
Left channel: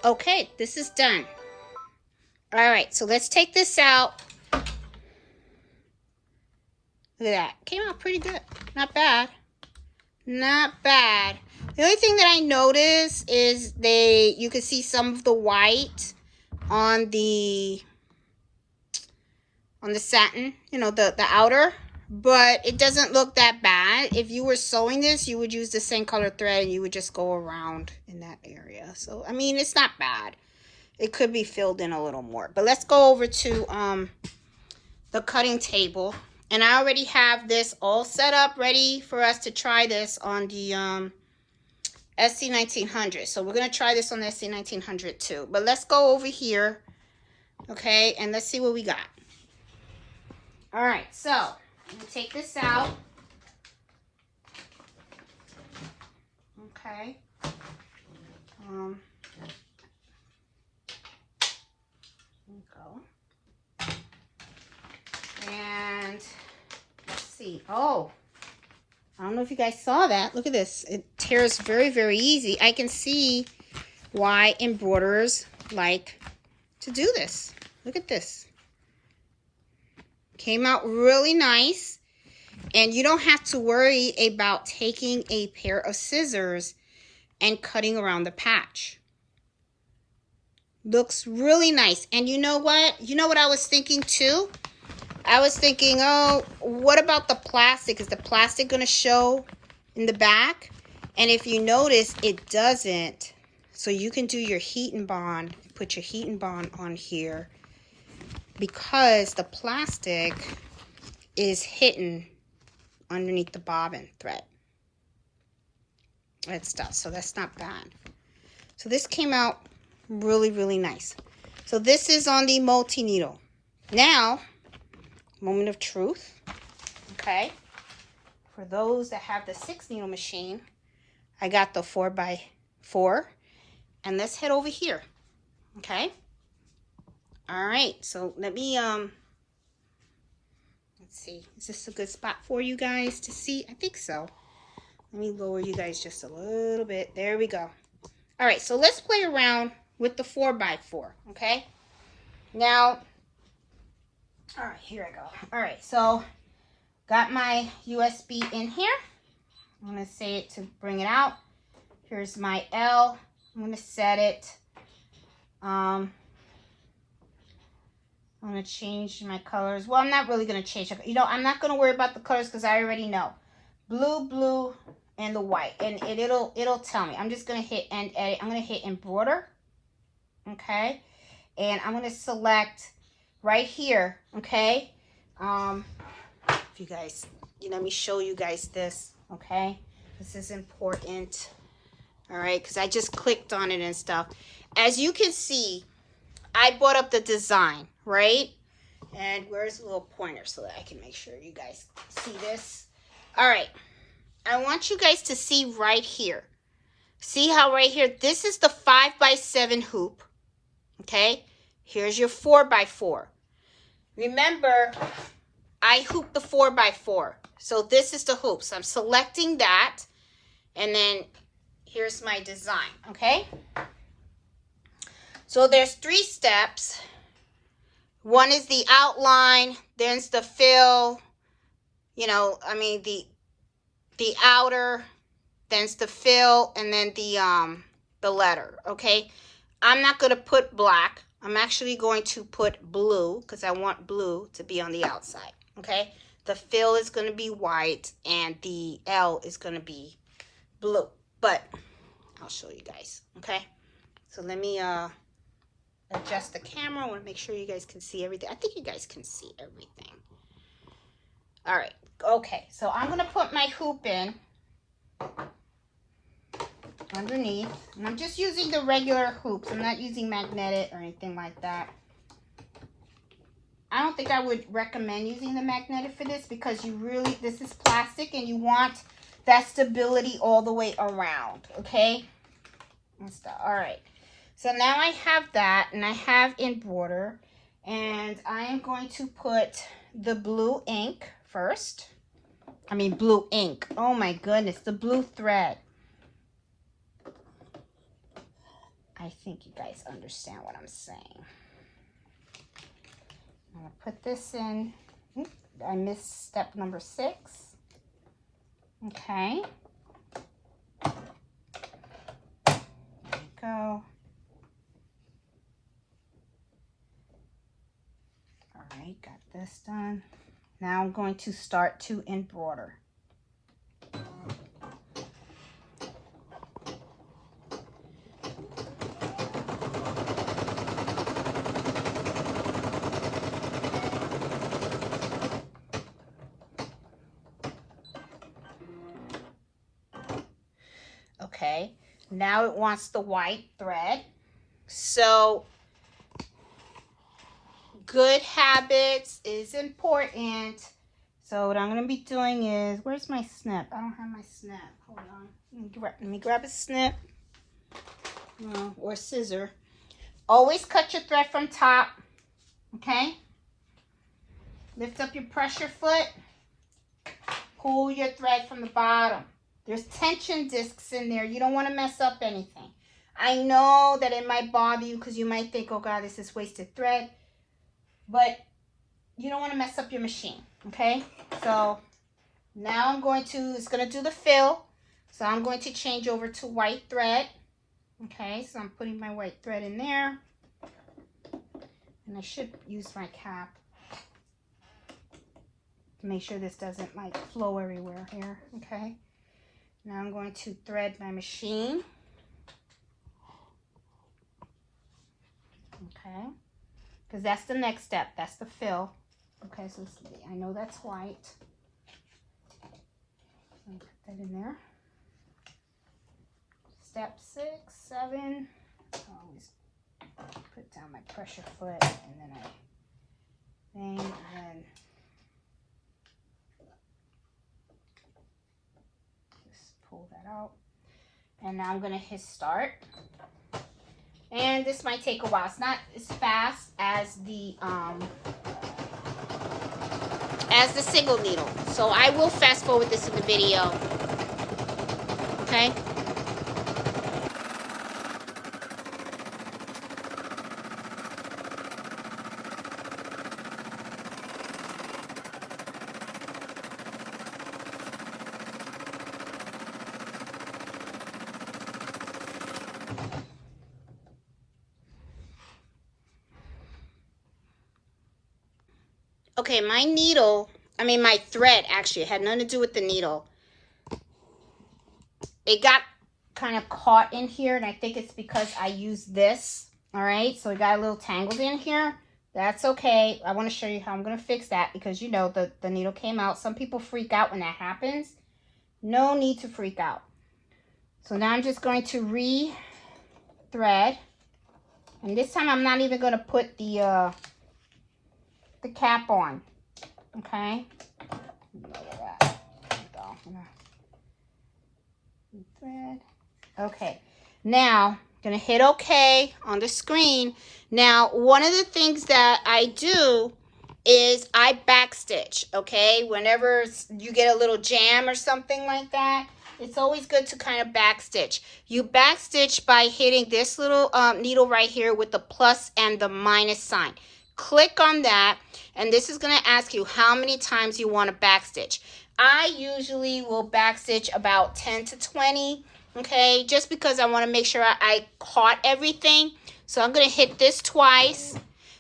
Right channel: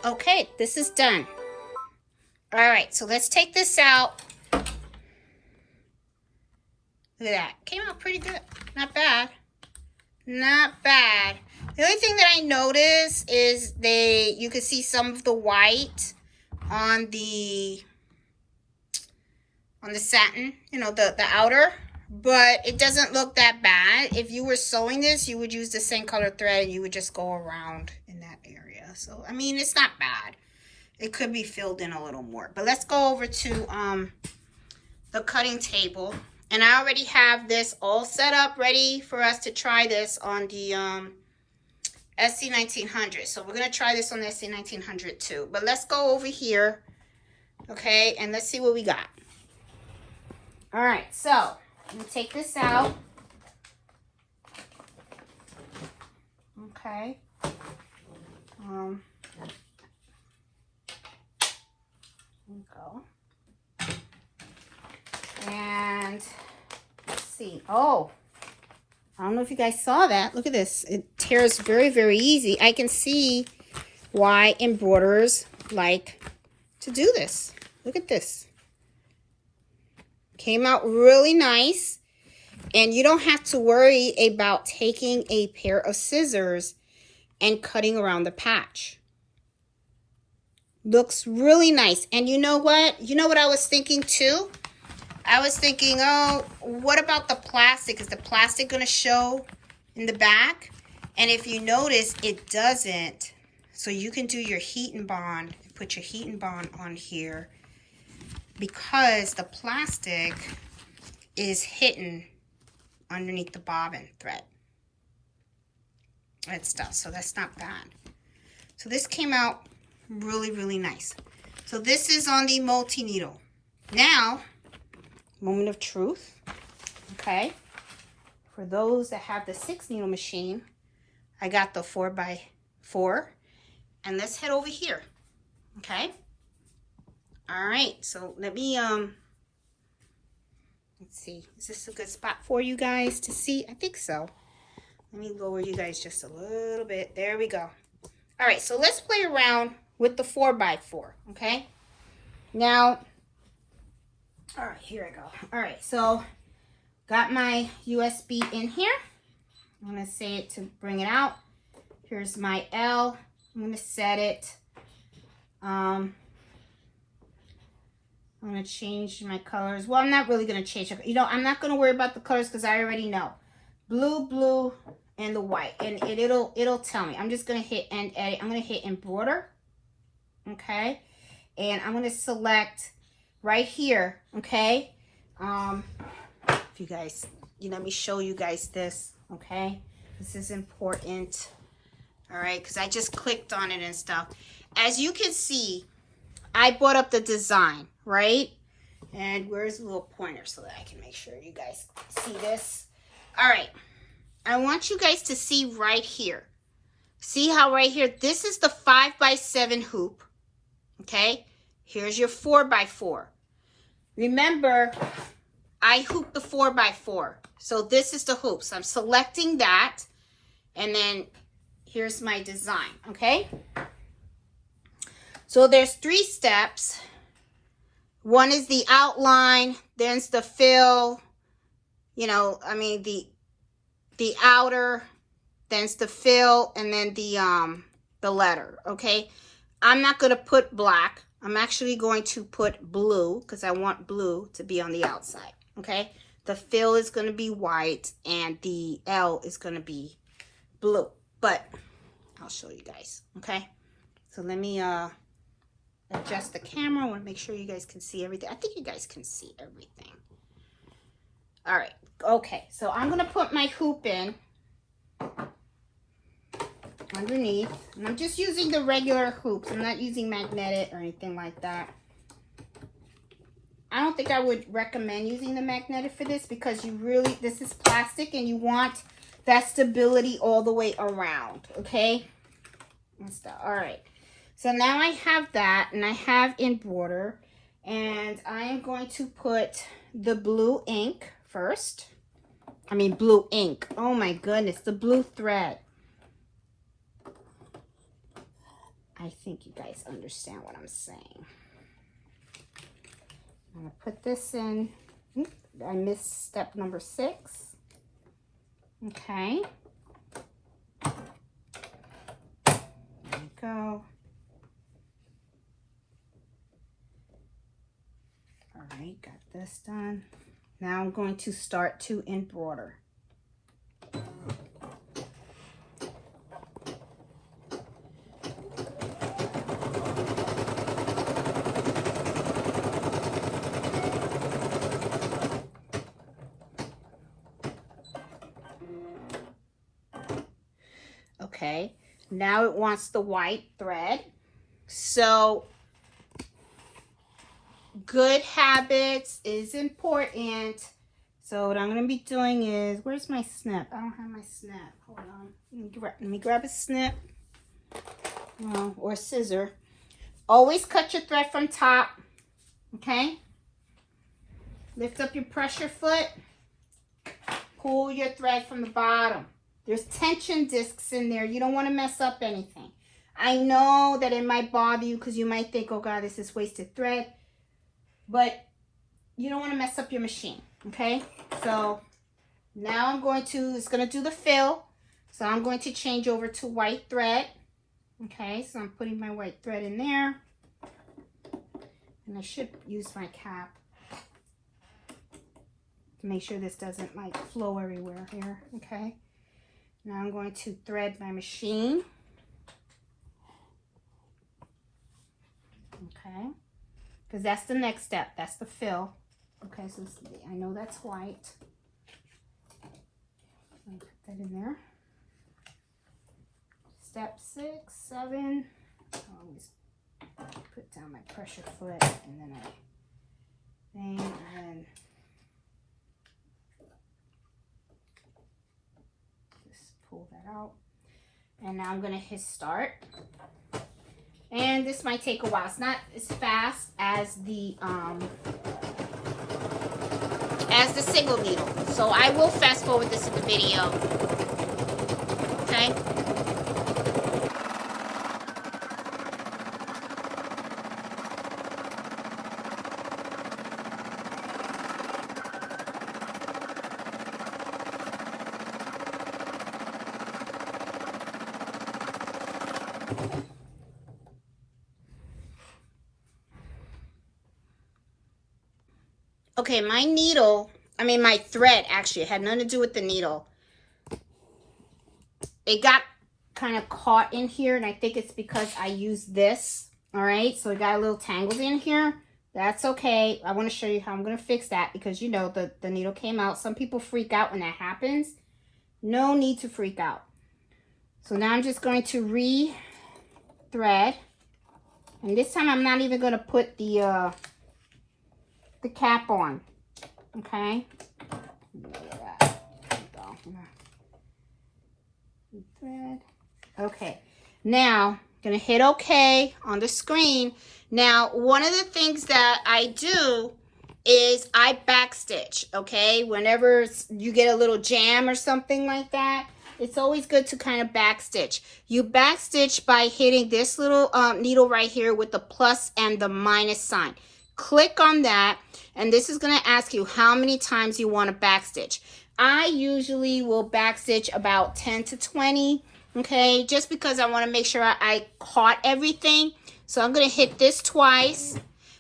Okay, this is done. All right, so let's take this out. Look at that. Came out pretty good. Not bad. Not bad. The only thing that I noticed is you can see some of the white on the satin, you know, the outer, but it doesn't look that bad. If you were sewing this, you would use the same color thread and you would just go around in that area. So, I mean, it's not bad. It could be filled in a little more. But let's go over to the cutting table. And I already have this all set up, ready for us to try this on the SE1900. So we're going to try this on the SE1900 too. But let's go over here, okay, and let's see what we got. All right, so I'm going to take this out. Okay. There we go. And let's see. Oh, I don't know if you guys saw that. Look at this. It tears very, very easy. I can see why embroiderers like to do this. Look at this. Came out really nice. And you don't have to worry about taking a pair of scissors and cutting around the patch. Looks really nice. And you know what? You know what I was thinking too? I was thinking, oh, what about the plastic? Is the plastic going to show in the back? And if you notice, it doesn't. So you can do your heat and bond. Put your heat and bond on here. Because the plastic is hidden underneath the bobbin thread. That stuff. So that's not bad. So this came out really, really nice. So this is on the multi-needle. Now, moment of truth. Okay. For those that have the 6-needle machine, I got the 4x4. And let's head over here. Okay. All right. So let me, let's see. Is this a good spot for you guys to see? I think so. Let me lower you guys just a little bit. There we go. All right. So let's play around with the 4x4. Okay. Now, all right, here I go. All right. So got my USB in here. I'm going to say it to bring it out. Here's my L. I'm going to set it. I'm going to change my colors. Well, I'm not really going to change. You know, I'm not going to worry about the colors because I already know. Blue, and the white. And it'll tell me. I'm just going to hit end edit. I'm going to hit embroider. Okay. And I'm going to select right here. Okay. If you guys, let me show you guys this. Okay. This is important. All right. Because I just clicked on it and stuff. As you can see, I brought up the design, right? And where's the little pointer so that I can make sure you guys see this? All right. I want you guys to see right here. See how right here, this is the 5x7 hoop. Okay. Here's your 4x4. Remember, I hooped the 4x4. So this is the hoop. So I'm selecting that. And then here's my design. Okay. So there's 3 steps. One is the outline, then it's the fill, the outer, then it's the fill, and then the letter, okay? I'm not going to put black. I'm actually going to put blue because I want blue to be on the outside, okay? The fill is going to be white and the L is going to be blue. But I'll show you guys, okay? So let me adjust the camera. I want to make sure you guys can see everything. I think you guys can see everything. All right. Okay. So I'm going to put my hoop in underneath. And I'm just using the regular hoops. I'm not using magnetic or anything like that. I don't think I would recommend using the magnetic for this because this is plastic and you want that stability all the way around. Okay. All right. So now I have that, and I have embroider, and I am going to put the blue ink first. I mean blue ink. Oh my goodness, the blue thread. I think you guys understand what I'm saying. I'm going to put this in. I missed step number 6. Okay. There we go. Alright, got this done. Now I'm going to start to embroider. Okay, now it wants the white thread. So good habits is important. So what I'm going to be doing is, where's my snip? I don't have my snip. Hold on. Let me grab a snip. Or a scissor. Always cut your thread from top. Okay? Lift up your pressure foot. Pull your thread from the bottom. There's tension discs in there. You don't want to mess up anything. I know that it might bother you because you might think, oh God, this is wasted thread, but you don't want to mess up your machine, okay? So now I'm going to, it's going to do the fill. So I'm going to change over to white thread. Okay, so I'm putting my white thread in there. And I should use my cap to make sure this doesn't like flow everywhere here. Okay, now I'm going to thread my machine. Okay, because that's the next step. That's the fill. Okay, so I know that's white. I'll put that in there. Step 6, 7. I always put down my pressure foot and then I and just pull that out. And now I'm gonna hit start. And this might take a while. It's not as fast as the single needle. So I will fast forward this in the video. Okay. Okay, my needle, my thread actually had nothing to do with the needle. It got kind of caught in here, and I think it's because I used this. All right, so it got a little tangled in here. That's okay. I want to show you how I'm going to fix that because, you know, the needle came out. Some people freak out when that happens. No need to freak out. So now I'm just going to re-thread. And this time I'm not even going to put the cap on. Okay. Thread. Okay. Now I'm gonna hit OK on the screen. Now, one of the things that I do is I backstitch. Okay. Whenever you get a little jam or something like that, it's always good to kind of backstitch. You backstitch by hitting this little needle right here with the plus and the minus sign. Click on that, and this is going to ask you how many times you want to backstitch. I usually will backstitch about 10 to 20, okay, just because I want to make sure I caught everything. So I'm going to hit this twice,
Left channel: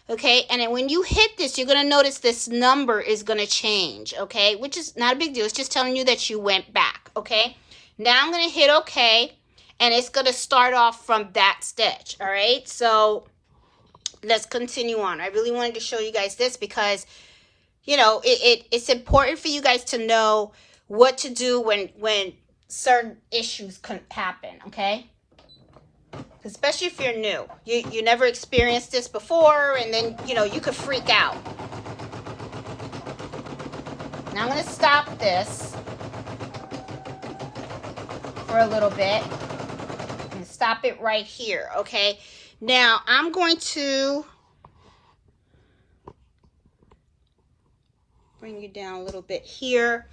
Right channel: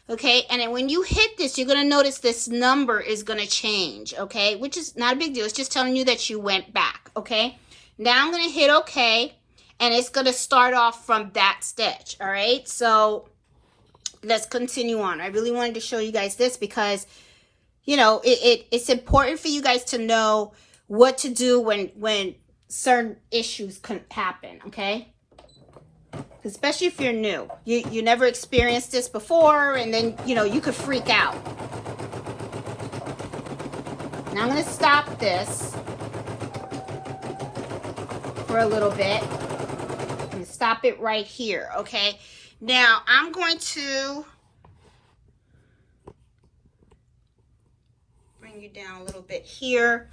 okay, and then when you hit this, you're going to notice this number is going to change, okay, which is not a big deal. It's just telling you that you went back, okay. Now I'm going to hit OK, and it's going to start off from that stitch, all right. So let's continue on. I really wanted to show you guys this because, you know, it's important for you guys to know what to do when certain issues can happen, okay? Especially if you're new. You never experienced this before, and then, you know, you could freak out. Now I'm going to stop this for a little bit and stop it right here, okay? Now, I'm going to bring you down a little bit here.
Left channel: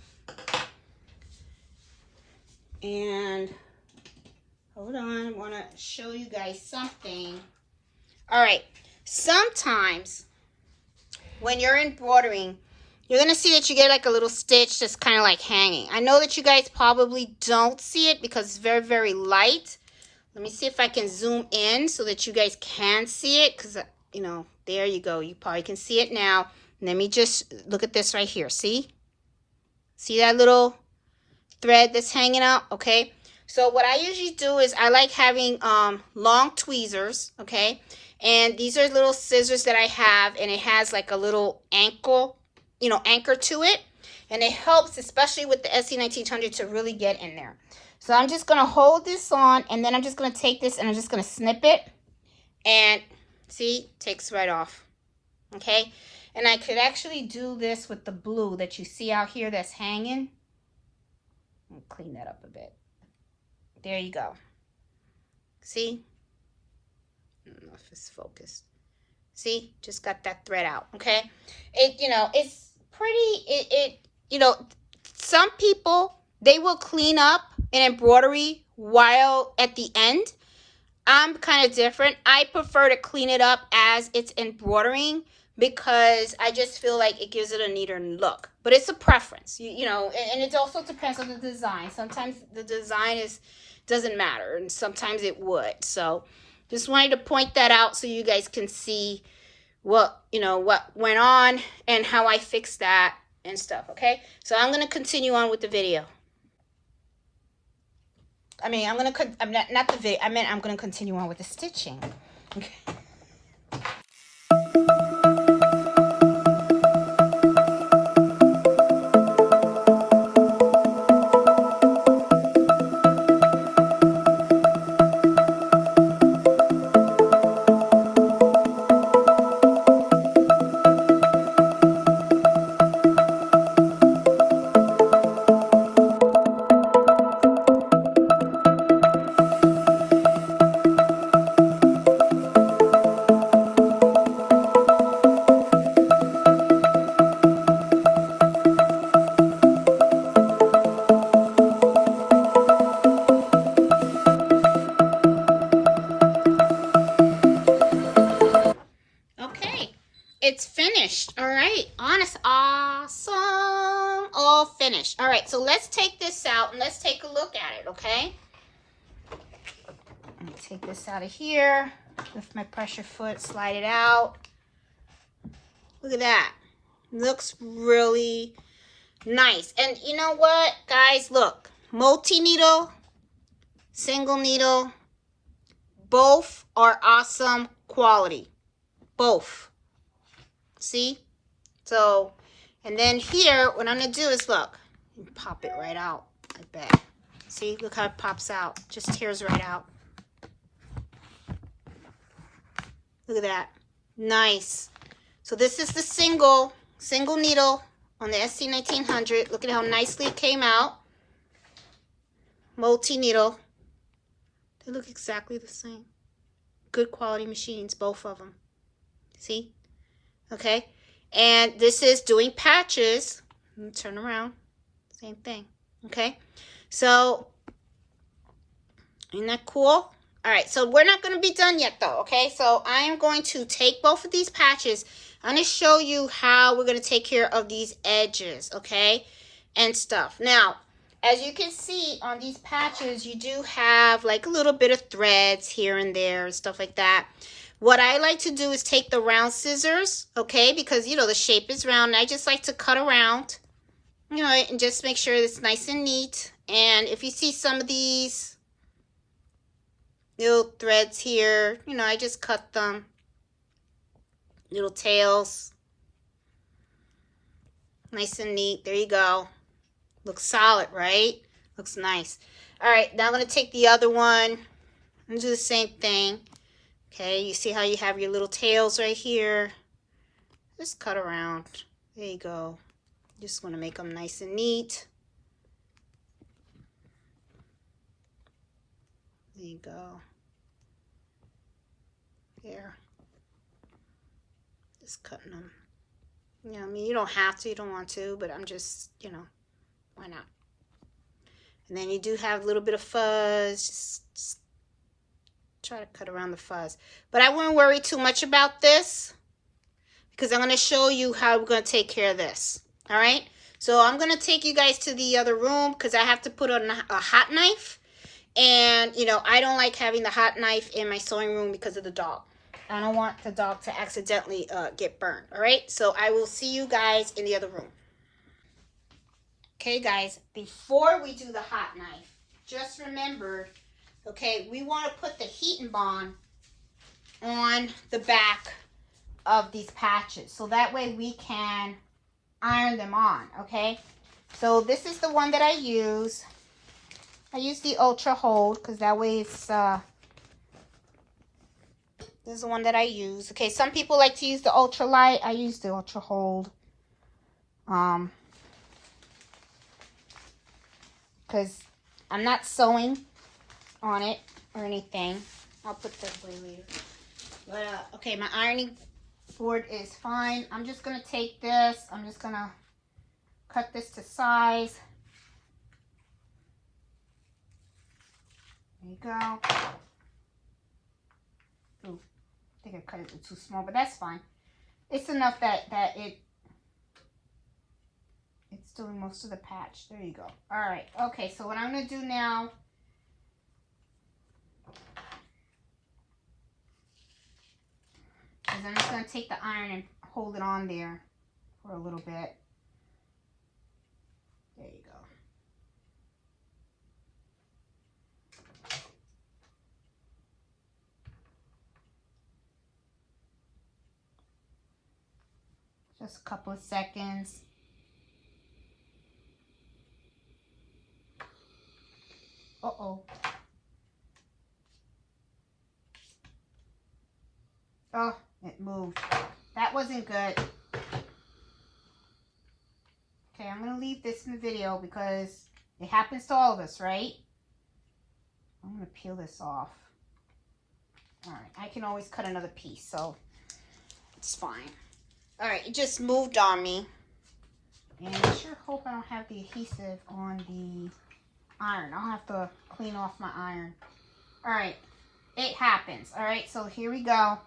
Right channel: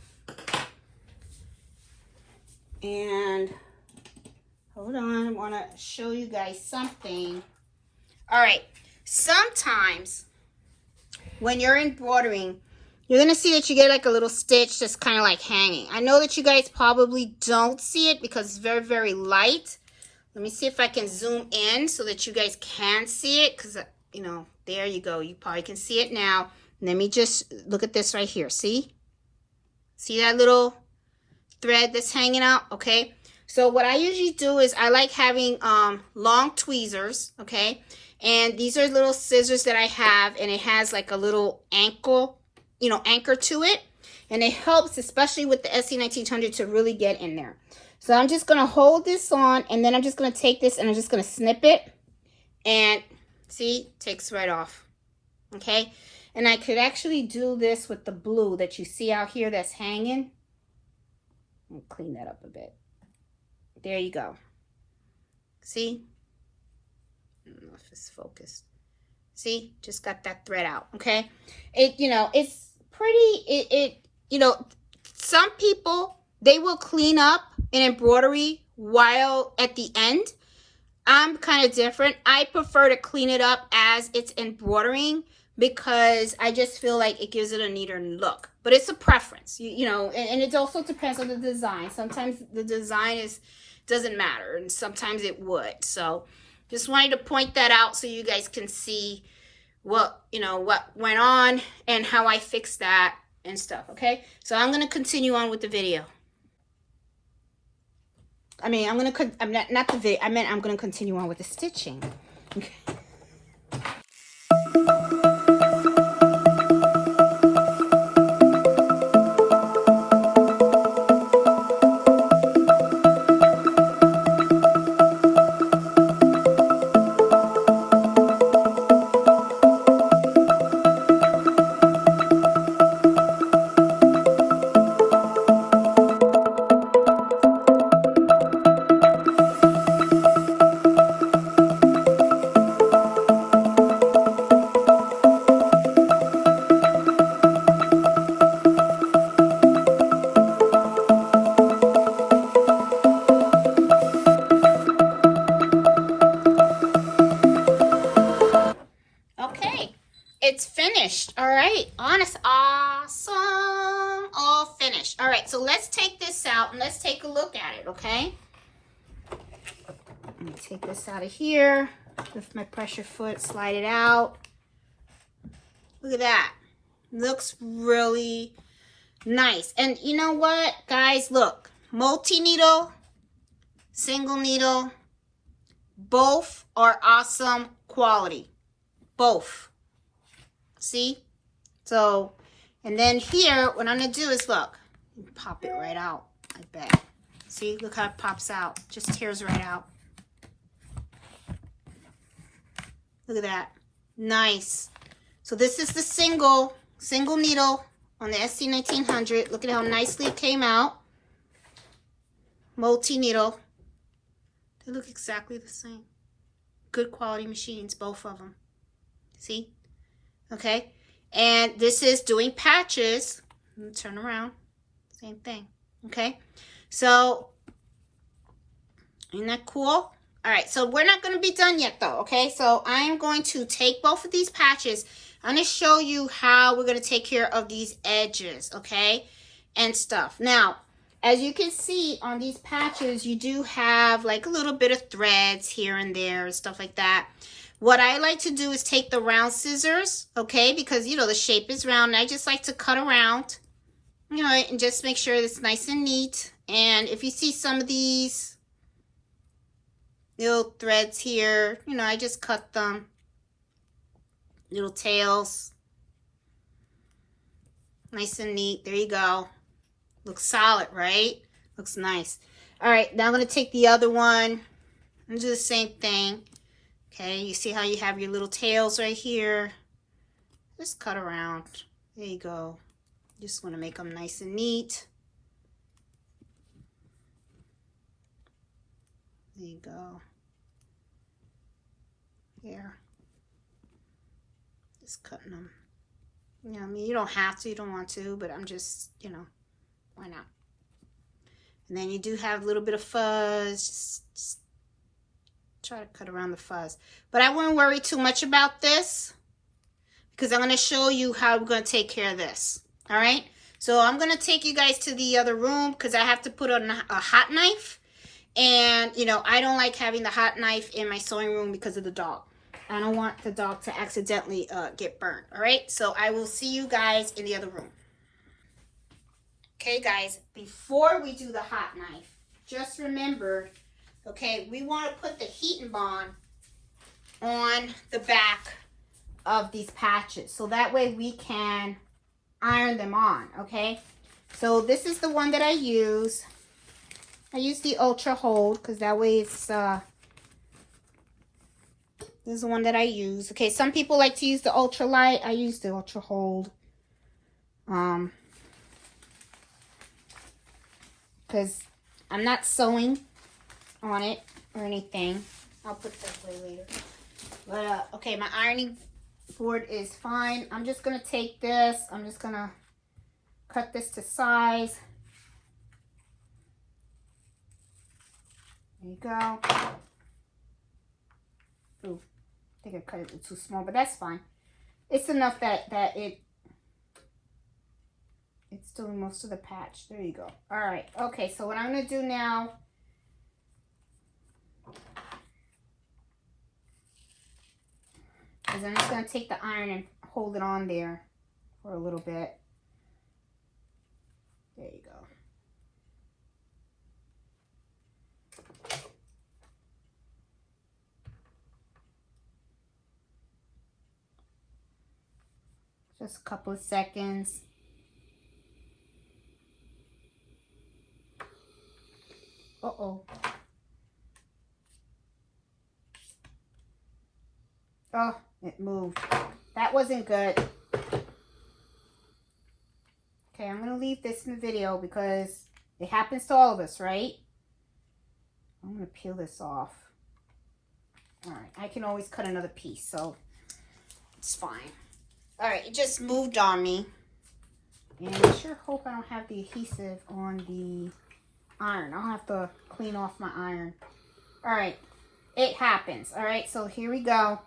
And hold on, I want to show you guys something. All right, sometimes when you're embroidering, you're going to see that you get like a little stitch that's kind of like hanging. I know that you guys probably don't see it because it's very, very light. Let me see if I can zoom in so that you guys can see it, because, you know, there you go. You probably can see it now. Let me just look at this right here. See? See that little thread that's hanging out? Okay. So what I usually do is I like having long tweezers, okay? And these are little scissors that I have, and it has like a little anchor to it. And it helps, especially with the SE1900, to really get in there. So I'm just going to hold this on, and then I'm just going to take this and I'm just going to snip it. And see, takes right off. Okay? And I could actually do this with the blue that you see out here that's hanging. Let me clean that up a bit. There you go. See? I don't know if it's focused. See? Just got that thread out. Okay? It, you know, it's pretty, you know, some people, they will clean up an embroidery while at the end. I'm kind of different. I prefer to clean it up as it's embroidering because I just feel like it gives it a neater look. But it's a preference, you know, and it also depends on the design. Sometimes the design doesn't matter, and sometimes it would. So just wanted to point that out so you guys can see what, you know, what went on and how I fixed that and stuff, okay? So I'm going to continue on with the video. I mean, I'm not the video. I meant I'm going to continue on with the stitching. Okay. It's finished. All right. Awesome. All finished. All right. So let's take this out and let's take a look at it, okay? Let me take this out of here. Lift my pressure foot, slide it out. Look at that. Looks really nice. And you know what, guys? Look. Multi-needle, single needle. Both are awesome quality. Both. See? So, and then here, what I'm going to do is, look, pop it right out, I bet. See? Look how it pops out. Just tears right out. Look at that. Nice. So this is the single needle on the SE1900. Look at how nicely it came out. Multi-needle. They look exactly the same. Good quality machines, both of them. See? Okay, and this is doing patches. Let me turn around. Same thing. Okay, so isn't that cool? All right, so we're not going to be done yet though. Okay, so I am going to take both of these patches. I'm going to show you how we're going to take care of these edges, okay, and stuff. Now, as you can see on these patches, you do have like a little bit of threads here and there and stuff like that. What I like to do is take the round scissors, okay, because, you know, the shape is round. And I just like to cut around, you know, and just make sure it's nice and neat. And if you see some of these little threads here, you know, I just cut them. Little tails. Nice and neat. There you go. Looks solid, right? Looks nice. All right, now I'm going to take the other one and do the same thing. Okay, you see how you have your little tails right here? Just cut around. There you go. Just want to make them nice and neat. There you go. Here. Just cutting them. You know, I mean, you don't have to, you don't want to, but I'm just, you know, why not? And then you do have a little bit of fuzz. Just try to cut around the fuzz. But I wouldn't worry too much about this because I'm going to show you how we're going to take care of this. All right? So I'm going to take you guys to the other room because I have to put on a hot knife. And, you know, I don't like having the hot knife in my sewing room because of the dog. I don't want the dog to accidentally get burned. All right? So I will see you guys in the other room. Okay, guys, before we do the hot knife, just remember, okay, we want to put the heat and bond on the back of these patches. So that way we can iron them on, okay? So this is the one that I use. I use the Ultra Hold because that way it's, this is the one that I use. Okay, some people like to use the Ultra Light. I use the Ultra Hold. Because I'm not sewing on it or anything. I'll put this away later. But, okay, my ironing board is fine. I'm just going to take this. I'm just going to cut this to size. There you go. Ooh, I think I cut it too small, but that's fine. It's enough that it's doing most of the patch. There you go. All right. Okay, so what I'm going to do now is I'm just going to take the iron and hold it on there for a little bit. There you go. Just a couple of seconds. Uh-oh. Oh, it moved. That wasn't good. Okay, I'm going to leave this in the video because it happens to all of us, right? I'm going to peel this off. All right, I can always cut another piece, so it's fine. All right, it just moved on me. And I sure hope I don't have the adhesive on the iron. I'll have to clean off my iron. All right, it happens. All right, so here we go.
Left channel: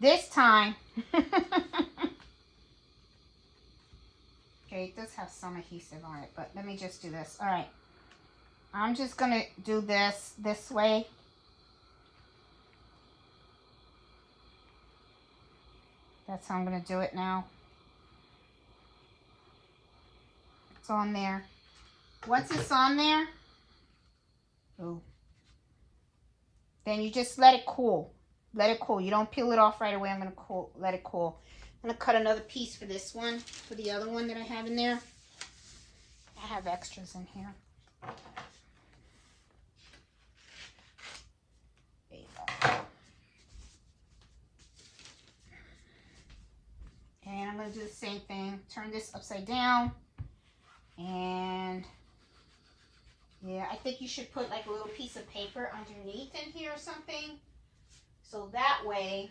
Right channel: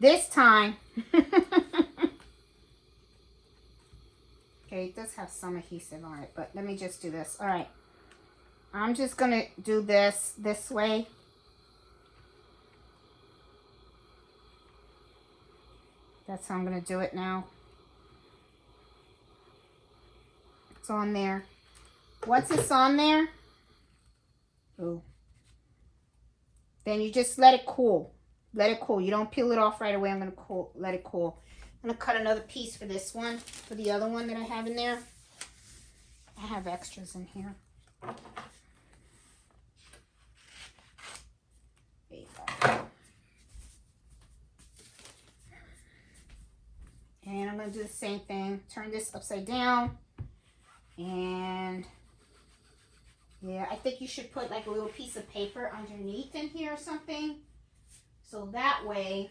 This time, okay, it does have some adhesive on it, but let me just do this. All right, I'm just gonna do this way. That's how I'm gonna do it now. It's on there. Once it's on there, ooh, then you just let it cool. Let it cool. You don't peel it off right away. I'm going to let it cool. I'm going to cut another piece for this one, for the other one that I have in there. I have extras in here. There you go. And I'm going to do the same thing. Turn this upside down. And yeah, I think you should put like a little piece of paper underneath in here or something. So that way,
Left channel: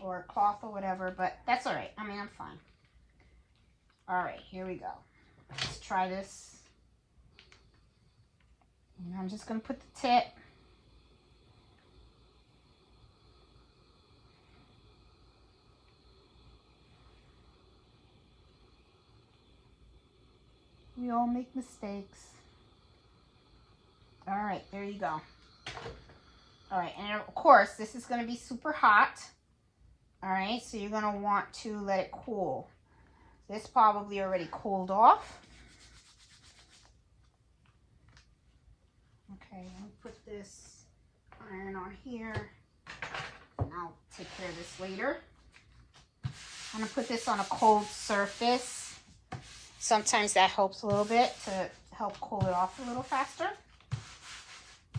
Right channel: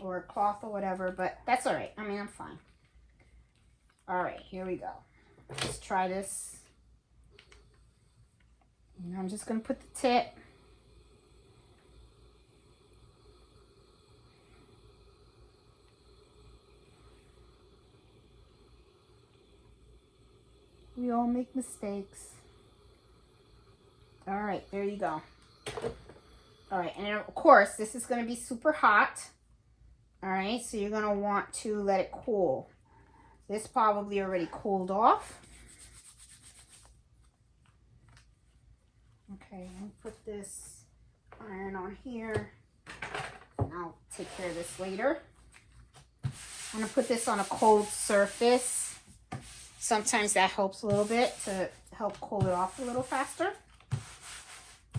or a cloth or whatever, but that's all right. I mean, I'm fine. All right, here we go. Let's try this. And I'm just going to put the tip. We all make mistakes. All right, there you go. All right, and of course, this is going to be super hot. All right, so you're going to want to let it cool. This probably already cooled off. Okay, let me put this iron on here. And I'll take care of this later. I'm going to put this on a cold surface. Sometimes that helps a little bit to help cool it off a little faster.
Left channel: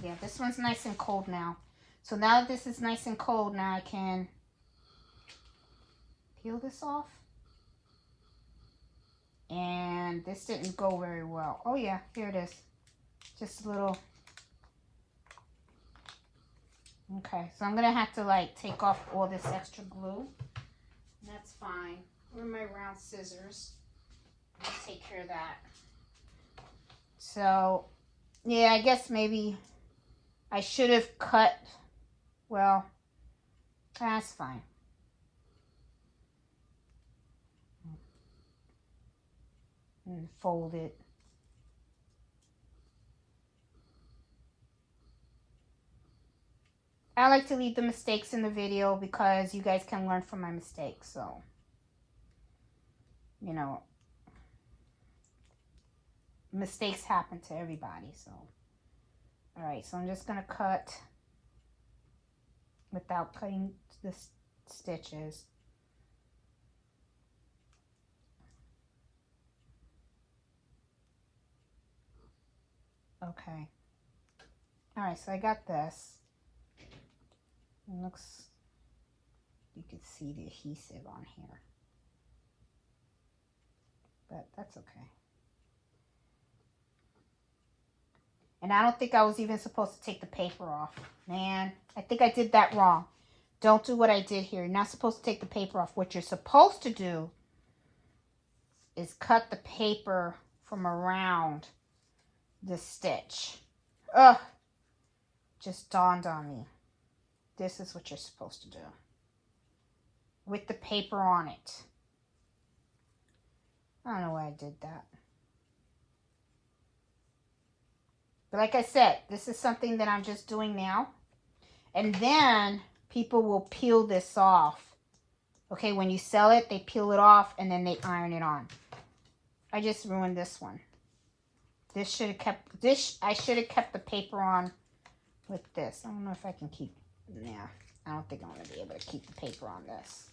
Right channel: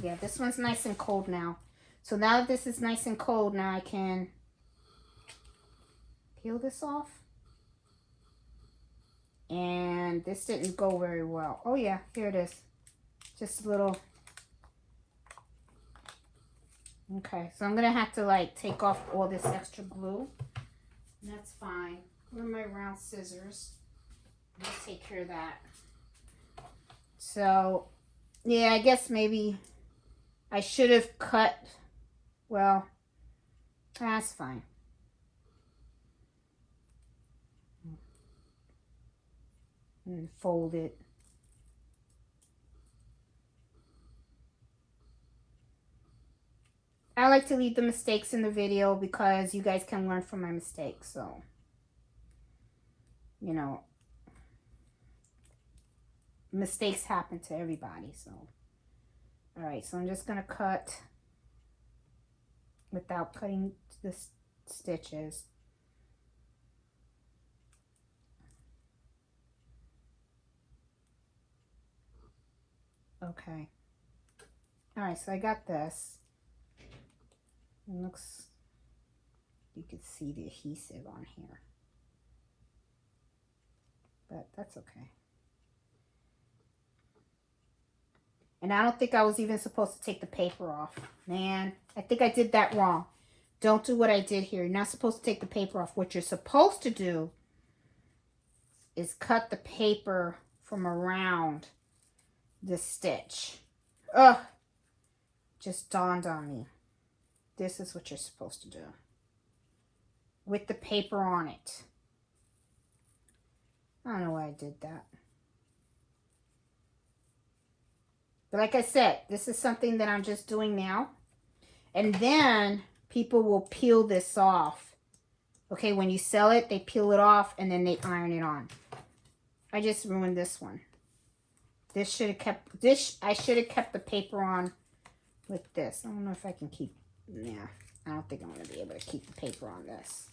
Yeah, this one's nice and cold now. So now that this is nice and cold, now I can peel this off. And this didn't go very well. Oh yeah, here it is. Just a little. Okay, so I'm gonna have to like take off all this extra glue. That's fine. Where are my round scissors? Let's take care of that. So, yeah, I guess maybe I should have cut, well, that's fine. And fold it. I like to leave the mistakes in the video because you guys can learn from my mistakes, so, you know, mistakes happen to everybody, so. All right, so I'm just going to cut without cutting the stitches. Okay. All right, so I got this. It looks, you could see the adhesive on here. But that's okay. And I don't think I was even supposed to take the paper off. Man, I think I did that wrong. Don't do what I did here. You're not supposed to take the paper off. What you're supposed to do is cut the paper from around the stitch. Ugh, just dawned on me. this is what you're supposed to do. With the paper on it. I don't know why I did that. But like I said, this is something that I'm just doing now. And then people will peel this off. Okay, when you sell it, they peel it off and then they iron it on. I just ruined this one. This should have kept, I should have kept the paper on with this. I don't know if I can keep, yeah. I don't think I'm going to be able to keep the paper on this.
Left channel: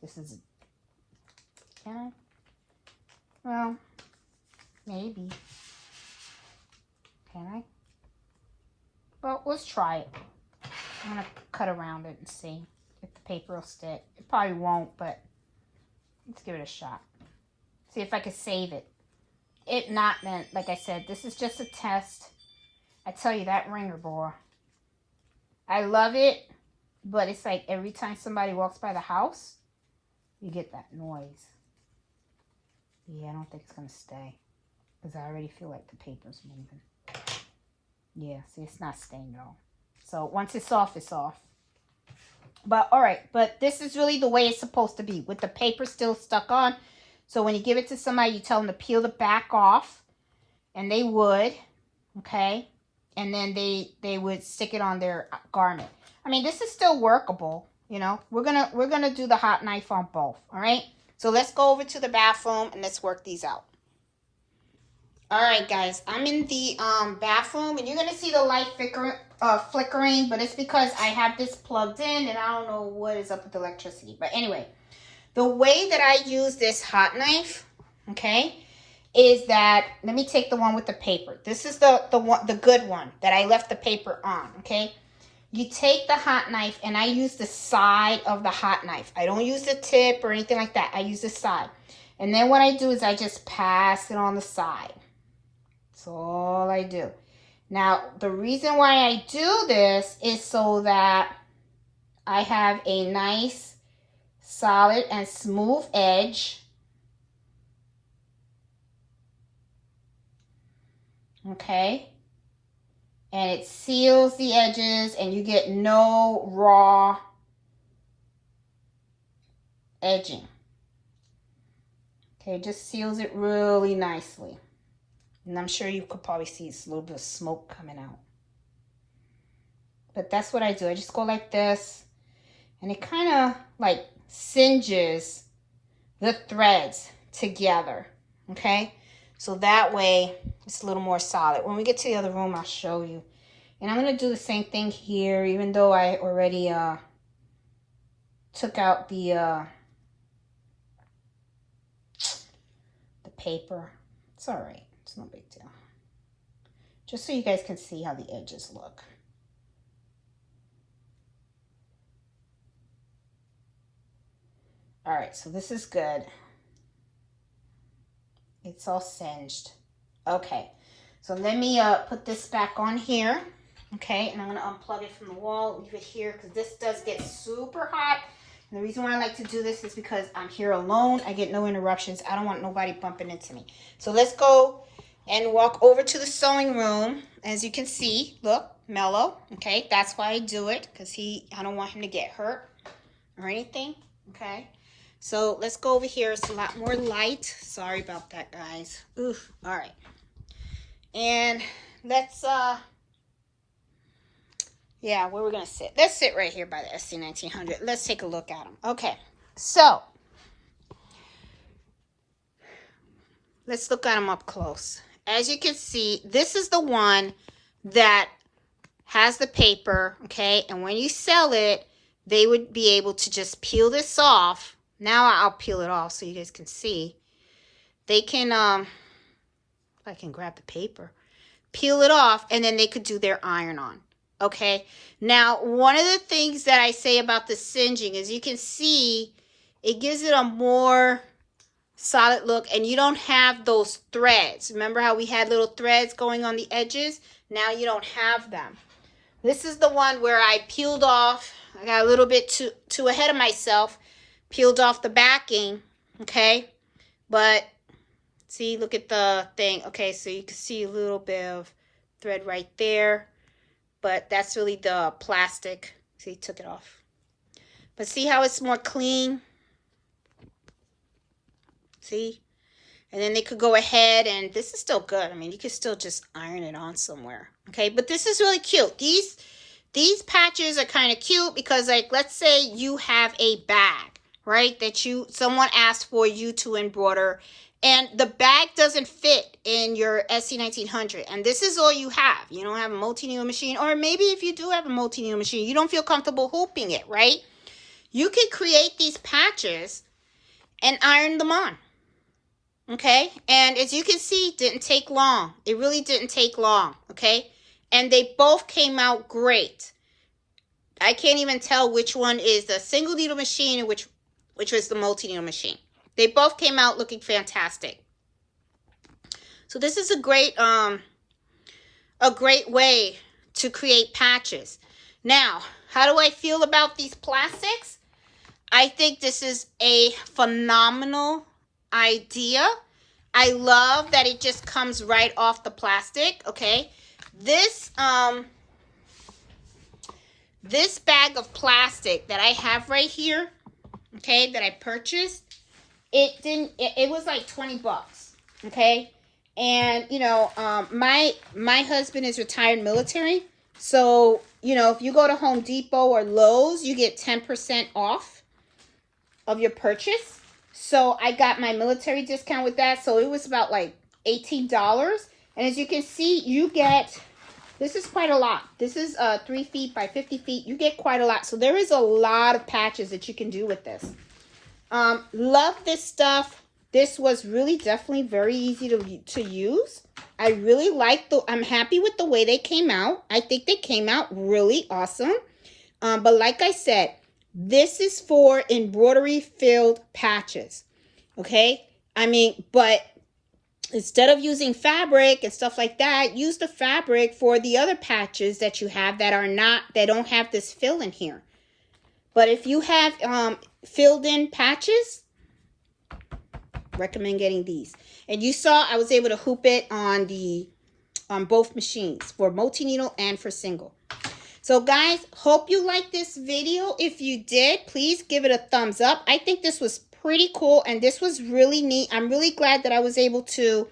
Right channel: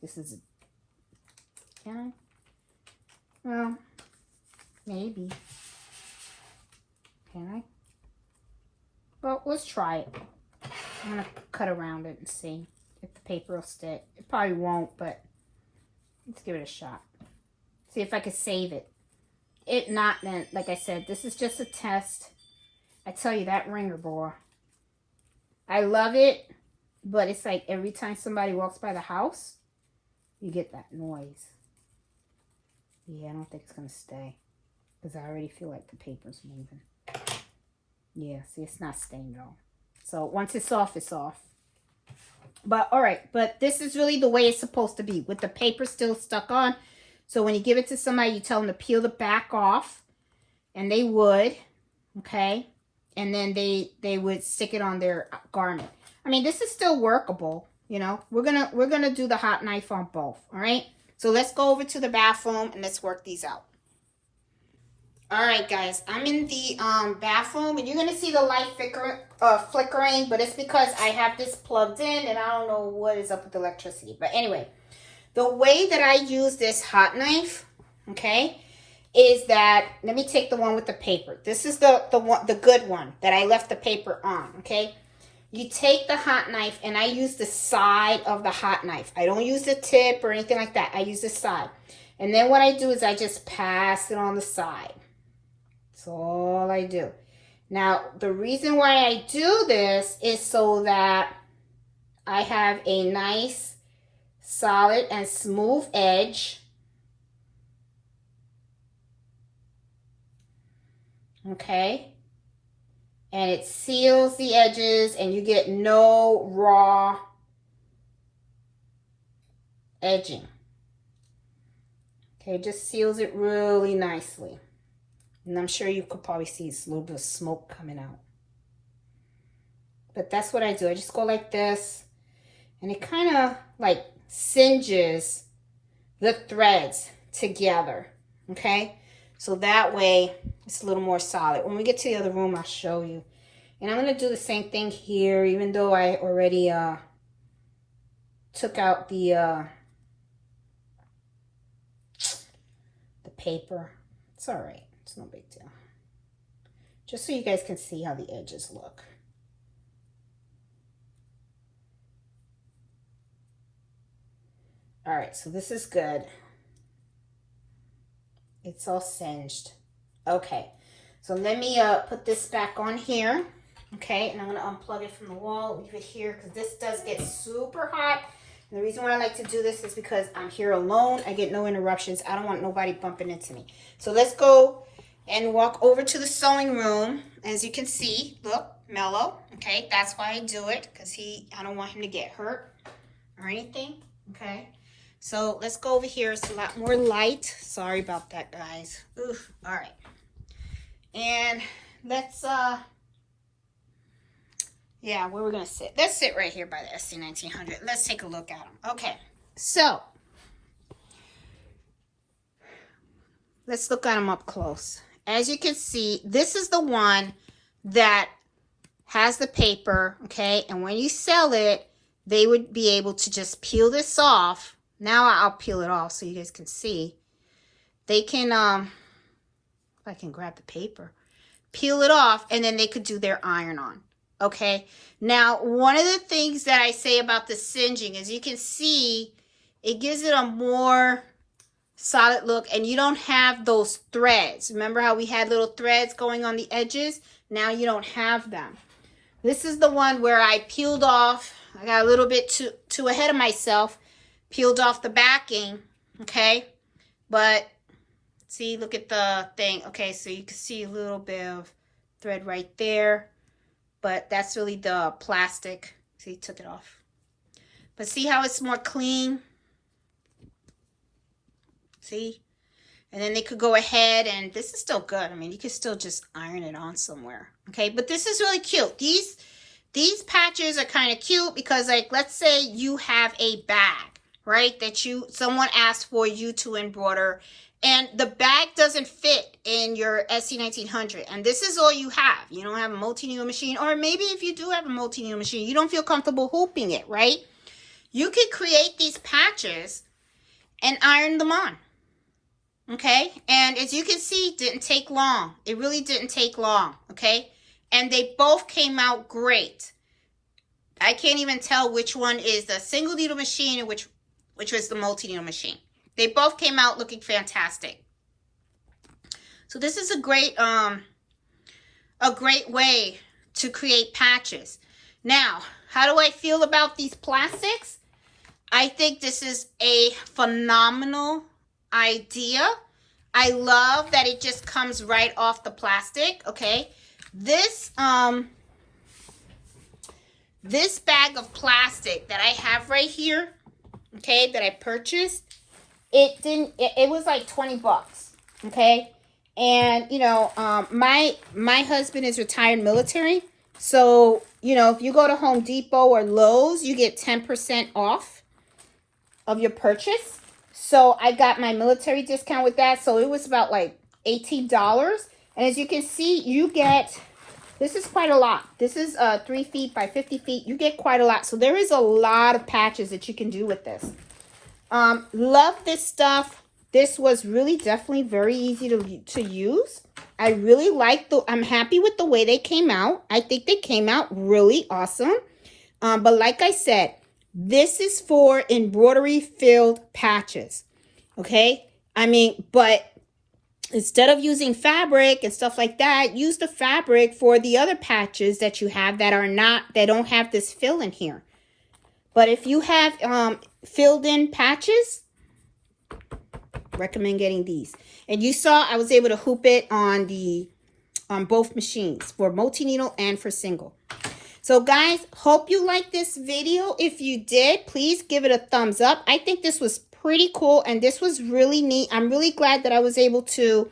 This is, can I? Well, maybe. Can I? Well, let's try it. I'm going to cut around it and see if the paper will stick. It probably won't, but let's give it a shot. See if I can save it. If not, then, like I said, this is just a test. I tell you, that ringer, boy. I love it, but it's like every time somebody walks by the house, you get that noise. Yeah, I don't think it's going to stay. Because I already feel like the paper's moving. Yeah, see, it's not staying at all. So once it's off, it's off. But, alright, but this is really the way it's supposed to be. With the paper still stuck on. So when you give it to somebody, you tell them to peel the back off. And they would. Okay. And then they would stick it on their garment. I mean, this is still workable. You know, we're gonna do the hot knife on both. All right. So let's go over to the bathroom and let's work these out. All right, guys. I'm in the bathroom, and you're gonna see the light flickering, but it's because I have this plugged in, and I don't know what is up with the electricity. But anyway, the way that I use this hot knife, okay, is that, let me take the one with the paper. This is the good one that I left the paper on, okay? You take the hot knife, and I use the side of the hot knife. I don't use the tip or anything like that. I use the side. And then what I do is I just pass it on the side. That's all I do. Now, the reason why I do this is so that I have a nice, solid, and smooth edge. Okay, and it seals the edges and you get no raw edging. Okay, it just seals it really nicely. And I'm sure you could probably see a little bit of smoke coming out. But that's what I do. I just go like this, and it kind of like singes the threads together. Okay, so that way it's a little more solid. When we get to the other room, I'll show you. And I'm going to do the same thing here, even though I already took out the paper. It's all right. It's no big deal. Just so you guys can see how the edges look. All right, so this is good. It's all singed. Okay, so let me put this back on here. Okay, and I'm going to unplug it from the wall, leave it here, because this does get super hot. And the reason why I like to do this is because I'm here alone. I get no interruptions. I don't want nobody bumping into me. So let's go and walk over to the sewing room. As you can see, look, mellow. Okay, that's why I do it, because I don't want him to get hurt or anything. Okay. So let's go over here. It's a lot more light. Sorry about that, guys. Oof. All right. And let's, yeah, where we're going to sit. Let's sit right here by the SE1900. Let's take a look at them. Okay. So let's look at them up close. As you can see, this is the one that has the paper, okay? And when you sell it, they would be able to just peel this off. Now I'll peel it off so you guys can see. They can, I can grab the paper, peel it off, and then they could do their iron on. Okay. Now, one of the things that I say about the singeing is you can see it gives it a more solid look, and you don't have those threads. Remember how we had little threads going on the edges? Now you don't have them. This is the one where I peeled off. I got a little bit too ahead of myself. Peeled off the backing, okay? But, see, look at the thing. Okay, so you can see a little bit of thread right there. But that's really the plastic See, took it off. But see how it's more clean? See? And then they could go ahead, and this is still good. I mean, you could still just iron it on somewhere. Okay, but this is really cute. These patches are kind of cute because, like, let's say you have a bag, right, that someone asked for you to embroider, and the bag doesn't fit in your SE1900, and this is all you have. You don't have a multi-needle machine, or maybe if you do have a multi-needle machine, you don't feel comfortable hooping it, right? You can create these patches and iron them on. Okay, and as you can see, it didn't take long. It really didn't take long, okay? And they both came out great. I can't even tell which one is the single needle machine and which was the multi-needle machine. They both came out looking fantastic. So this is a great way to create patches. Now, how do I feel about these plastics? I think this is a phenomenal idea. I love that it just comes right off the plastic. Okay, this bag of plastic that I have right here, okay, that I purchased, it was like 20 bucks. Okay, and you know, my husband is retired military, so you know, if you go to Home Depot or Lowe's, you get 10% off of your purchase. So I got my military discount with that. So it was about like $18. And as you can see, you get, this is quite a lot. This is 3 feet by 50 feet. You get quite a lot. So there is a lot of patches that you can do with this. Love this stuff. This was really definitely very easy to use. I really like I'm happy with the way they came out. I think they came out really awesome. But like I said, this is for embroidery filled patches, okay? I mean, but instead of using fabric and stuff like that, use the fabric for the other patches that you have that don't have this fill in here. But if you have filled in patches, recommend getting these. And you saw I was able to hoop it on both machines, for multi-needle and for single. So guys, hope you liked this video. If you did, please give it a thumbs up. I think this was pretty cool and this was really neat. I'm really glad that I was able to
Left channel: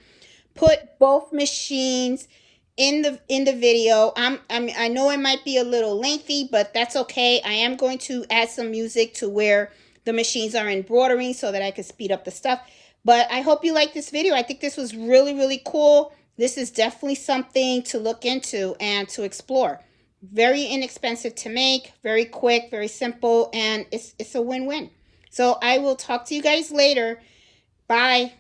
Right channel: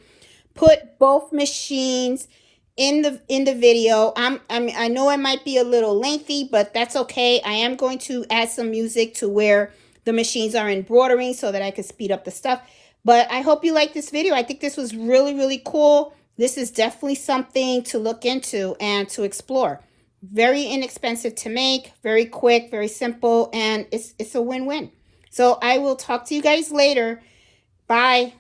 put both machines in the video. I know it might be a little lengthy, but that's okay. I am going to add some music to where the machines are embroidering so that I can speed up the stuff. But I hope you liked this video. I think this was really, really cool. This is definitely something to look into and to explore. Very inexpensive to make, very quick, very simple, and it's a win-win. So I will talk to you guys later. Bye.